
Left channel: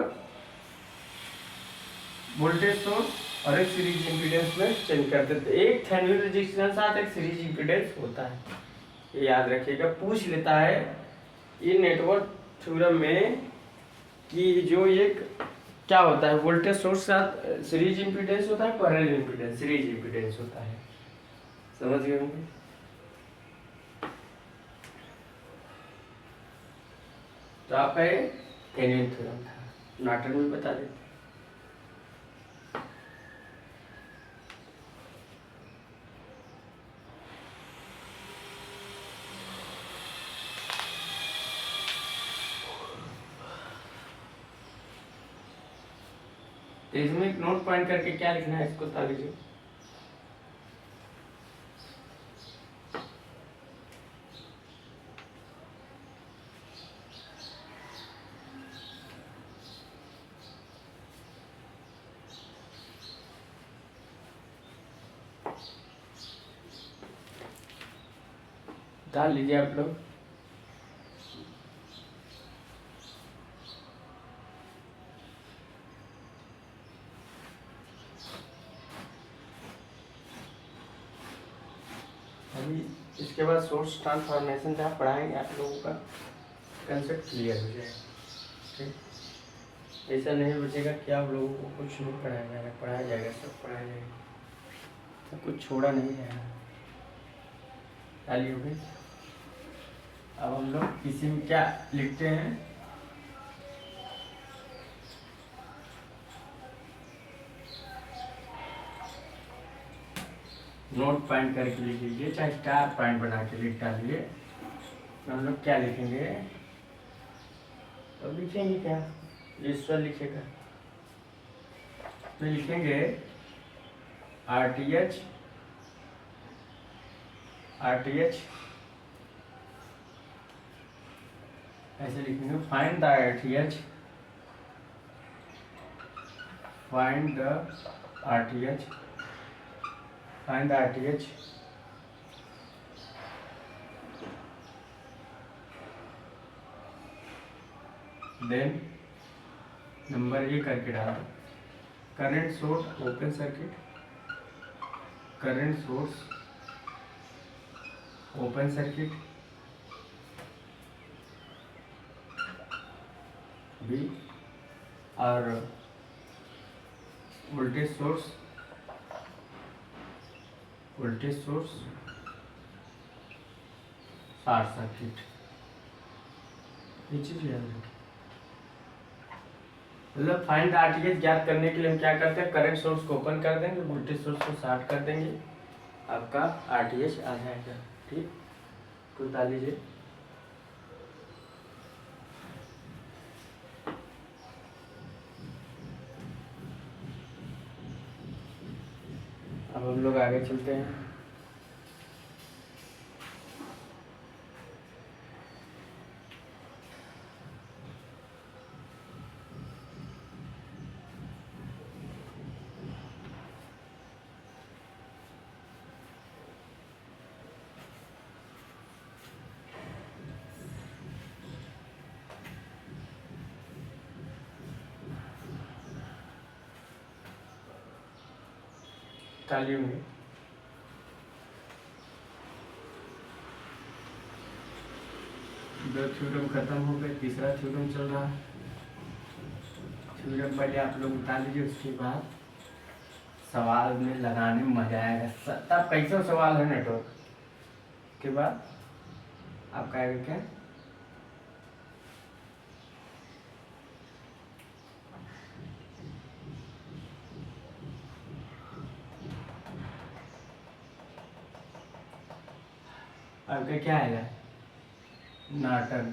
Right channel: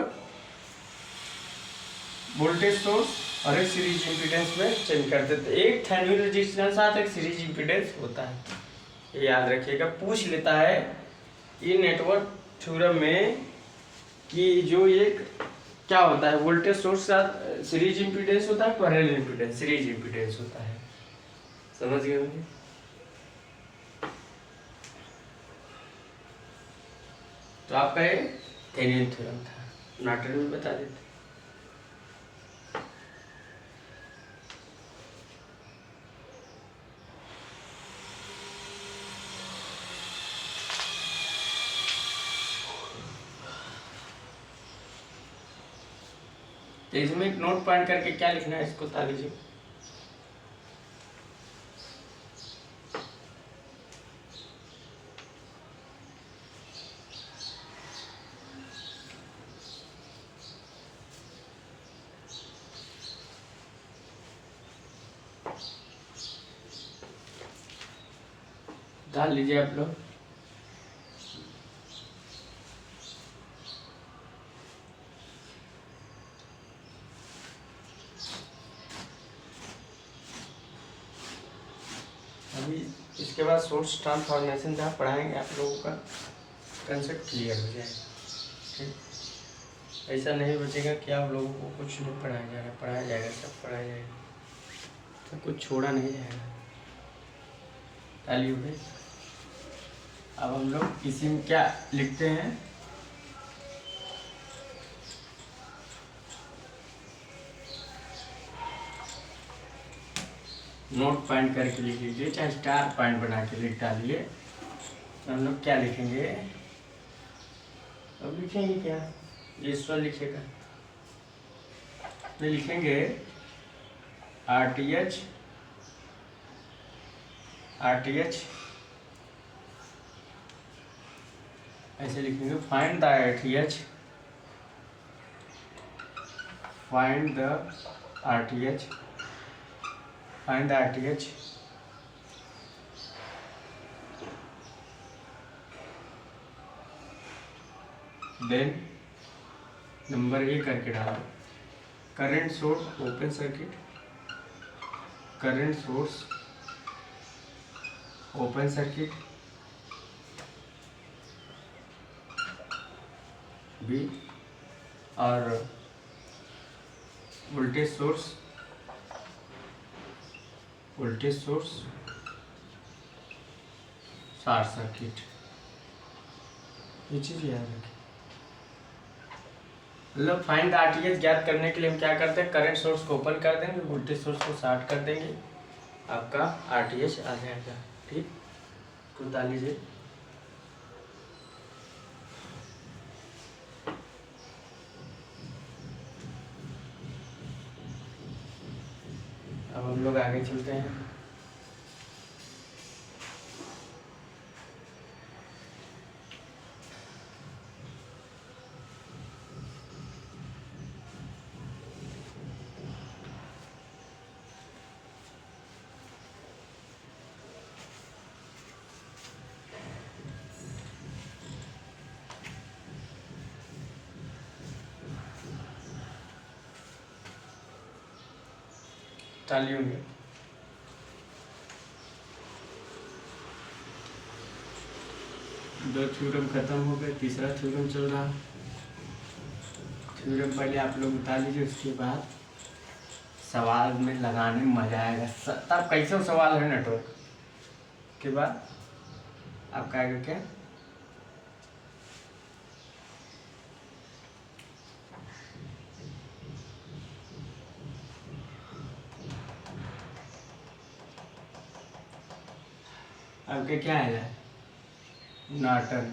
वोल्टेज सोर्स और एक सीरीज इम्पीडेंस में चेंज कर देते हैं। एक थेवेनिन रेजिस्टेंस साथ एक सीरीज इम्पीडेंस होता है, ये याद रखिएगा। पूछ लेता है ये नेटवर्क थ्योरम में कि जो एक क्या होता है, वोल्टेज सोर्स साथ सीरीज इम्पीडेंस होता है, पैरेलल इम्पीडेंस सीरीज इम्पीडेंस होता है, समझ गए होंगे। तो आपका ये थेवेनिन थ्योरम था, नॉर्टन में बता देते। तो इसमें एक नोट पॉइंट करके क्या लिखना है, इसको बता लीजिए। डाल लीजिए आप लोग। अभी इसके बाद सोर्स ट्रांसफॉर्मेशन जहाँ पढ़ाएंगे आप लोगों का कंसेप्ट क्लियर हो जाएगा। ठीक, ऐसा नहीं बचेगा कि आप लोगों को कुछ नहीं पढ़ाया जाएगा, पढ़ाया जाएगा, सब पढ़ाया जाएगा, तो कुछ छोड़ा नहीं जाएगा। ताली हो गई। अब हम लोग इसी में क्या लिखते हैं, नोट पॉइंट करके लिख लीजिए, चाहे स्टार पॉइंट बना के लिख डालिए। तो हम लोग क्या लिखेंगे, अब लिखेंगे क्या, ईश्वर लिखेगा तो लिखेंगे RTH ऐसे लिखेंगे, find the RTH, find the RTH, find the RTH, then number A करके डालो, current source open circuit, current source open circuit B, और वोल्टेज सोर्स शॉर्ट सर्किट। ये चीज याद रखें। मतलब फाइंड द RTH ज्ञात करने के लिए हम क्या करते हैं, करंट सोर्स को ओपन कर देंगे, वोल्टेज सोर्स को शॉर्ट कर देंगे, आपका RTH आ जाएगा। ठीक, कुछ डाल लीजिए। अब हम लोग आगे चलते हैं। तालियों में दो थ्योरम खत्म हो गए, तीसरा थ्योरम चल रहा है। थ्योरम पहले आप लोग बता लीजिए, उसके बाद सवाल में लगाने में मजा आएगा। तब कैसे सवाल है नेटवर्क के बाद आपका आएगा क्या, आपका क्या आएगा, नॉर्टन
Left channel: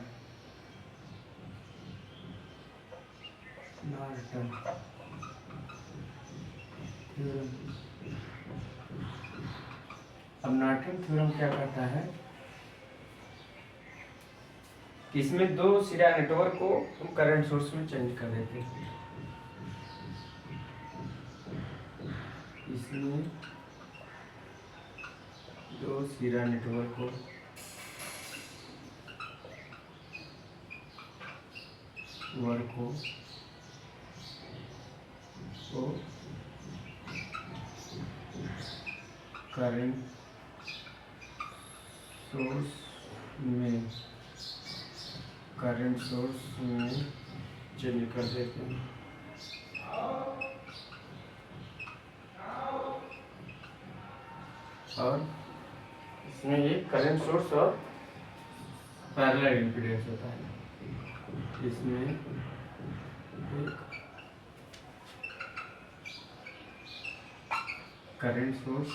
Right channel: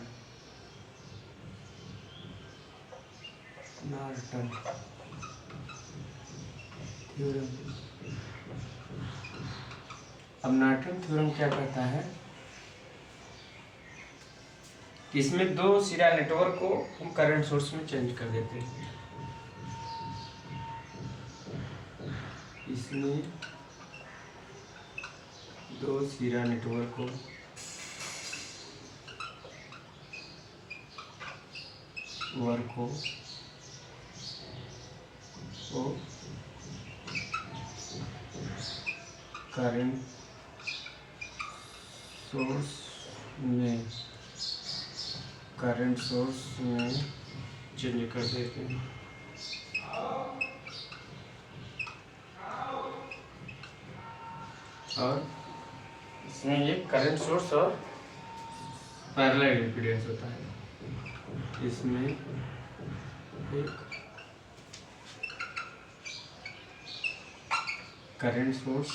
थ्योरम। अब नॉर्टन थ्योरम क्या कहता है, इसमें दो सिरा नेटवर्क को हम करंट सोर्स में चेंज कर देते हैं। इसमें दो सिरा नेटवर्क को करंट सोर्स में चेंज कर देते हैं। और इसमें ये करंट सोर्स और पैरेलल इम्पीडेंस होता है। इसमें एक current source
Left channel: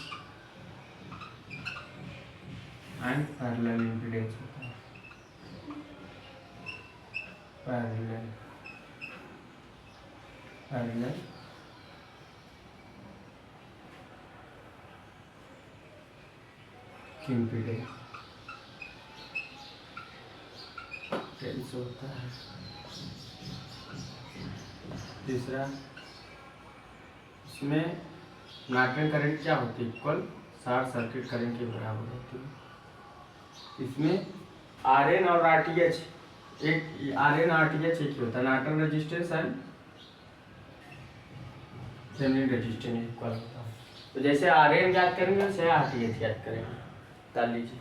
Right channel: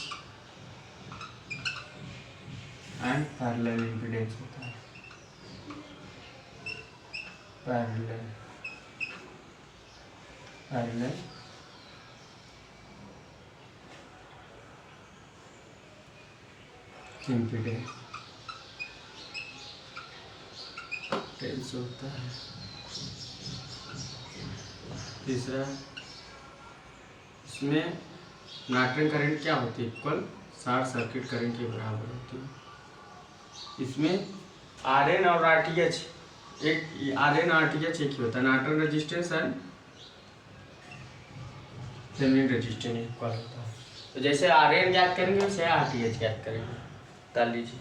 and parallel impedance होता है। पैरेलल इम्पीडेंस कैसे होता है। तीसरा, इसमें नॉर्टन करंट क्या होती है, इक्वल शॉर्ट सर्किट करंट के बराबर होती है। इसमें RN और RTH एक ही होता है, Norton resistance and Thevenin resistance equal होता है। तो जैसे RN ज्ञात करेंगे वैसे RTH ज्ञात करेंगे। डाल लीजिए।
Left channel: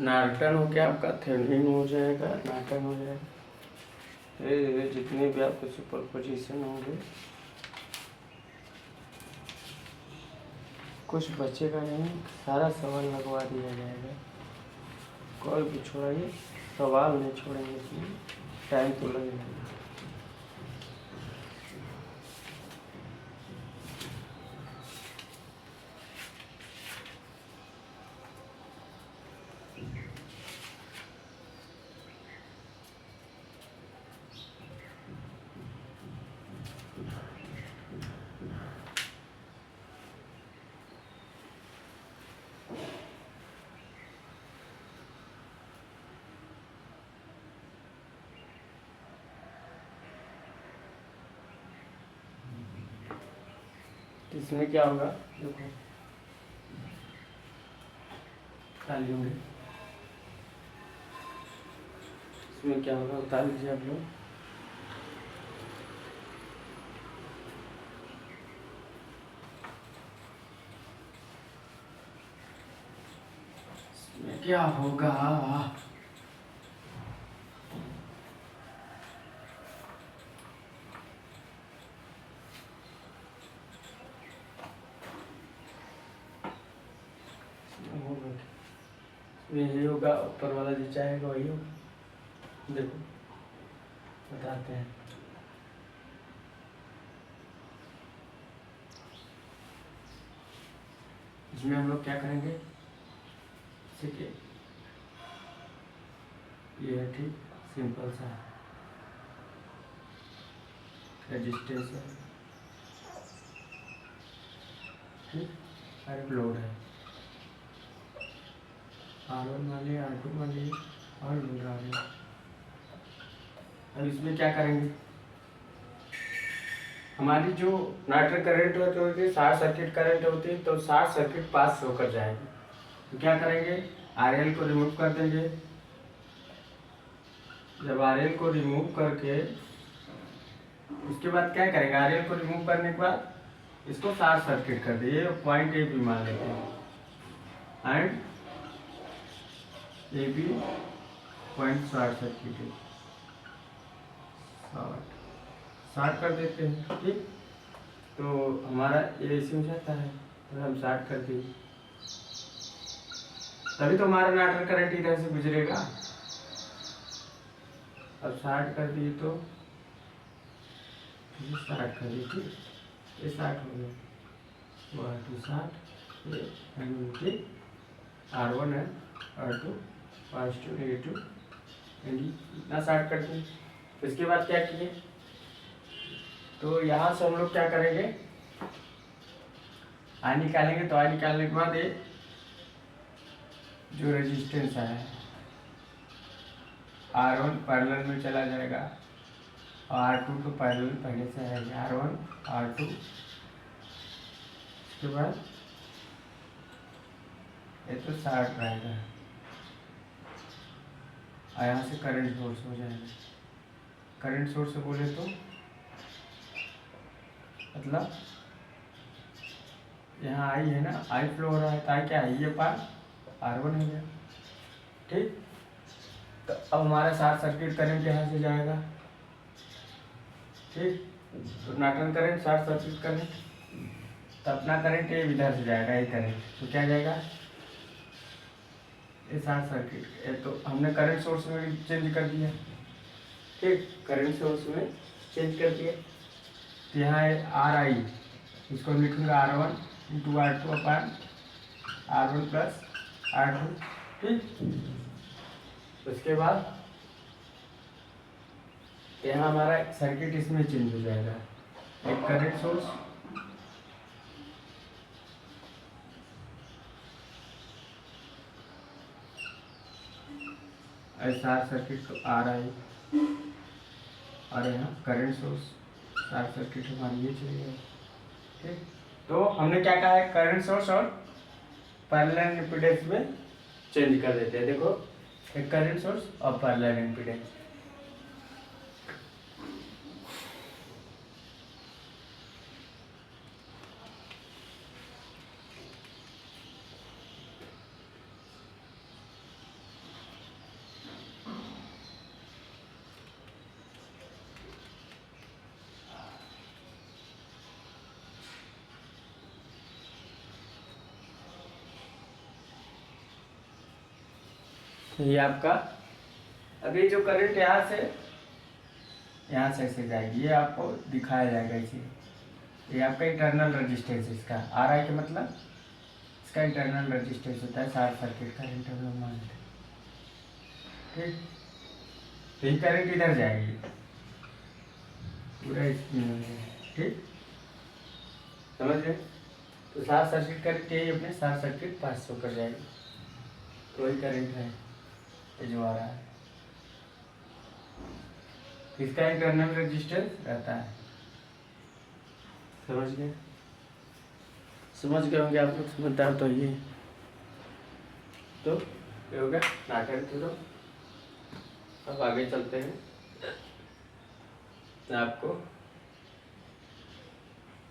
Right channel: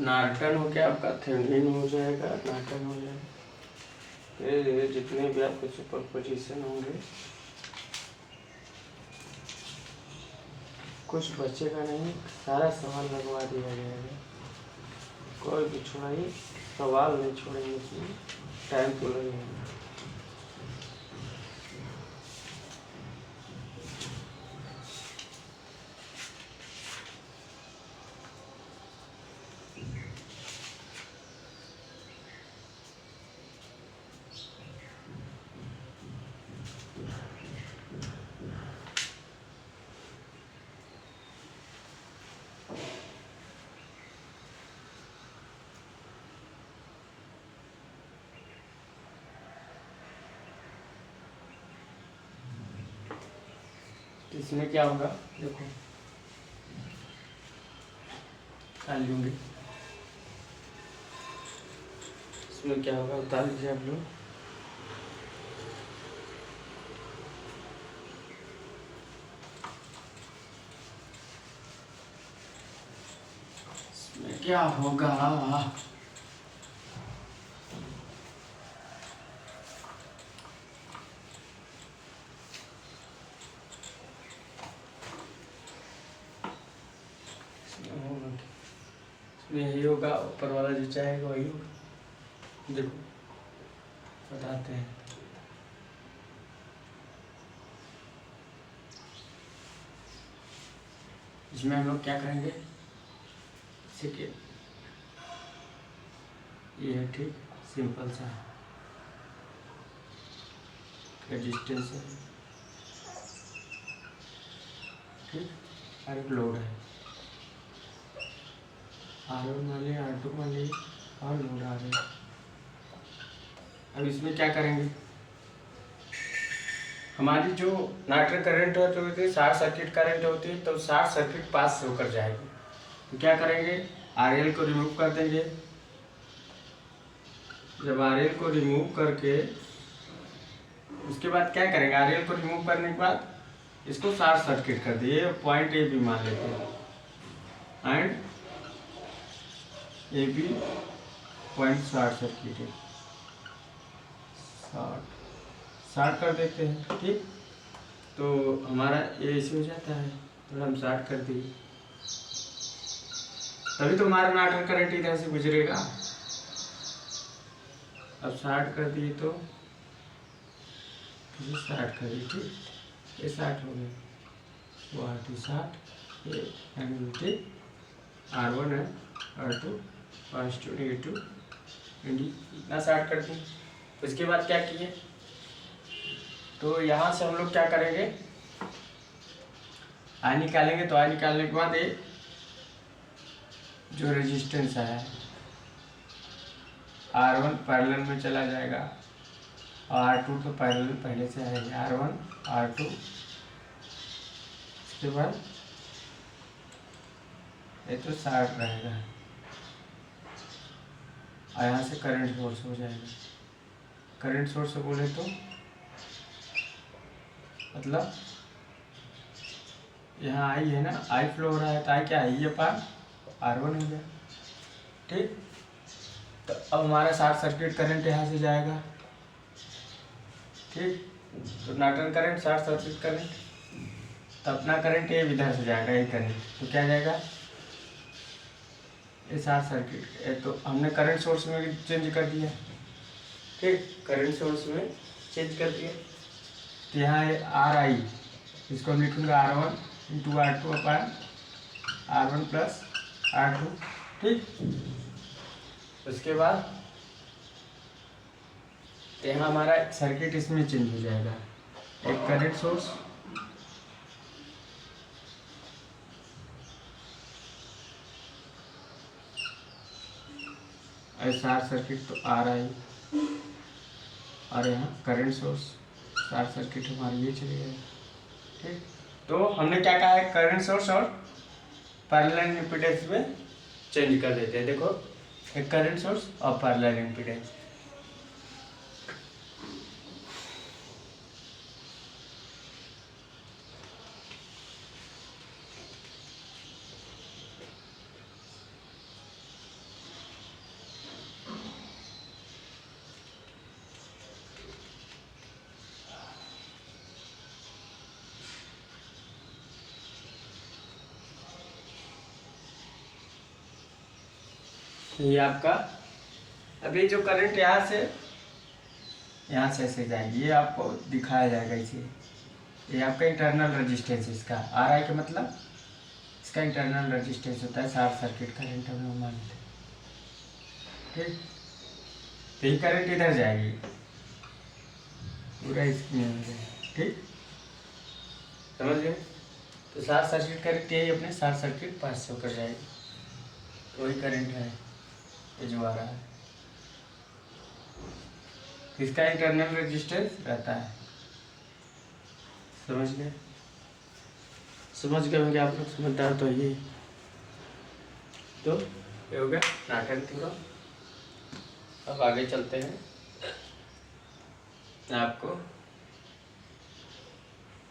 नॉर्टन हो गया आपका, थेवेनिन हो जाएगा, नॉर्टन हो जाएगा। धीरे धीरे जितने भी आपके सुपरपोजिशन होंगे कुछ बचेगा नहीं, सारा सवाल लगवा दिया जाएगा, कोई भी छोड़ाइए। सवाल नहीं छोड़ेंगे इसमें, टाइम तो लगेगा। इसमें क्या होगा देखो, उतार लूँगे। इसमें क्या होगा, उतार लीजिए आप लोग। इसमें क्या होगा, यही होगा, ऊपर वाला जो चाहेगा वही होगा। देखो बताते हैं। इसमें हम लोग क्या करेंगे, ठीक है, ये है ठीक, सिंपल सा रेजिस्टेंस है, ठीक, और एक लोड है, R1 मान लिया, R2 मान लिया, और लोड आ रही है। अब इसमें क्या करेंगे, हमारी जो नाइट्रल करंट होती है, शॉर्ट सर्किट करंट होती है, तो शॉर्ट सर्किट पास होकर जाएगी। तो क्या करेंगे, RL को रिमूव कर देंगे। जब RL को रिमूव करके उसके बाद क्या करेंगे, RL को रिमूव करने के बाद इसको शॉर्ट सर्किट कर दिए, पॉइंट ए बी मान लेते हैं, and A B point short circuit है, शॉर्ट कर देते हैं, ठीक। तो हमारा ये इसमें जाता है, तो हम शॉर्ट कर दिए, तभी तो हमारा नाइट्रल करंट इधर से गुजरेगा। अब शॉर्ट कर दिए तो शॉर्ट कर दिए, ठीक, ये शॉर्ट हो गया, वो R2 शॉर्ट, ये ठीक, R1 है, R2 पॉजिटिव नेगेटिव एंड इतना शॉर्ट कर दिए। उसके बाद क्या किए, तो यहाँ से हम लोग क्या करेंगे, आई निकालेंगे। तो आई निकालने के बाद ये जो रेजिस्टेंस है R1 पैरेलल में चला जाएगा, और R2 तो पैरेलल पहले से है, R1 R2। उसके बाद ये तो शॉर्ट रहेगा, और यहाँ से करंट सोर्स हो जाएगा। करंट सोर्स से बोले तो मतलब यहाँ आई है ना, आई फ्लो हो रहा है, तो आई क्या है, ये पार R1 हो गया, ठीक। तो अब हमारा शॉर्ट सर्किट करंट यहाँ से जाएगा, ठीक। तो Norton current short circuit current, तो अपना करंट ये इधर से जाएगा, ये करंट, तो क्या जाएगा, ये शॉर्ट सर्किट। तो हमने करंट सोर्स में चेंज कर दिया, ठीक, करंट सोर्स में चेंज कर दिया। तो यहाँ ये RI, इसको हम लिखूंगा R1 इंटू R2 अपन R1 प्लस R2, ठीक। उसके बाद यहाँ हमारा सर्किट इसमें चेंज हो जाएगा, एक करंट सोर्स, शॉर्ट सर्किट तो RI, और यहाँ करंट सोर्स, शॉर्ट सर्किट हमारी ये चली जाएगी, ठीक। तो हमने क्या कहा है, करंट सोर्स और पैरेलल इम्पीडेंस में चेंज कर देते हैं। देखो, एक करंट सोर्स और पैरेलल इम्पीडेंस। ये आपका अभी जो करंट यहाँ से ऐसे जाएगी, ये आपको दिखाया जाएगा इसे। ये आपका इंटरनल रेजिस्टेंस इसका आ रहा है, कि मतलब इसका इंटरनल रेजिस्टेंस होता है शॉर्ट सर्किट करंट हम लोग मानते हैं। ठीक, तो ये करंट इधर जाएगी पूरा इसमें हो जाएगी। ठीक, समझ गए? तो शॉर्ट सर्किट करंट यही अपने शॉर्ट सर्किट 500 कर जाएगी। तो वही करंट है ये जो आ रहा है, इसका इंटरनल रेजिस्टेंस रहता है। समझ गए? समझ गए होंगे आप लोग, समझता है तो ये तो ये हो गया नाटक पूरा। अब आगे चलते हैं, आपको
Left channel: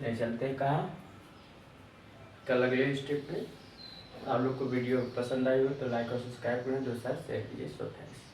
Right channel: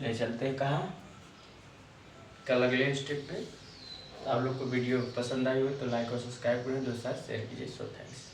ले चलते हैं कहाँ, कल अगले स्टेप पे। आप लोग को वीडियो पसंद आई हो तो लाइक और सब्सक्राइब करें, दोस्तों शेयर कीजिए। So thanks.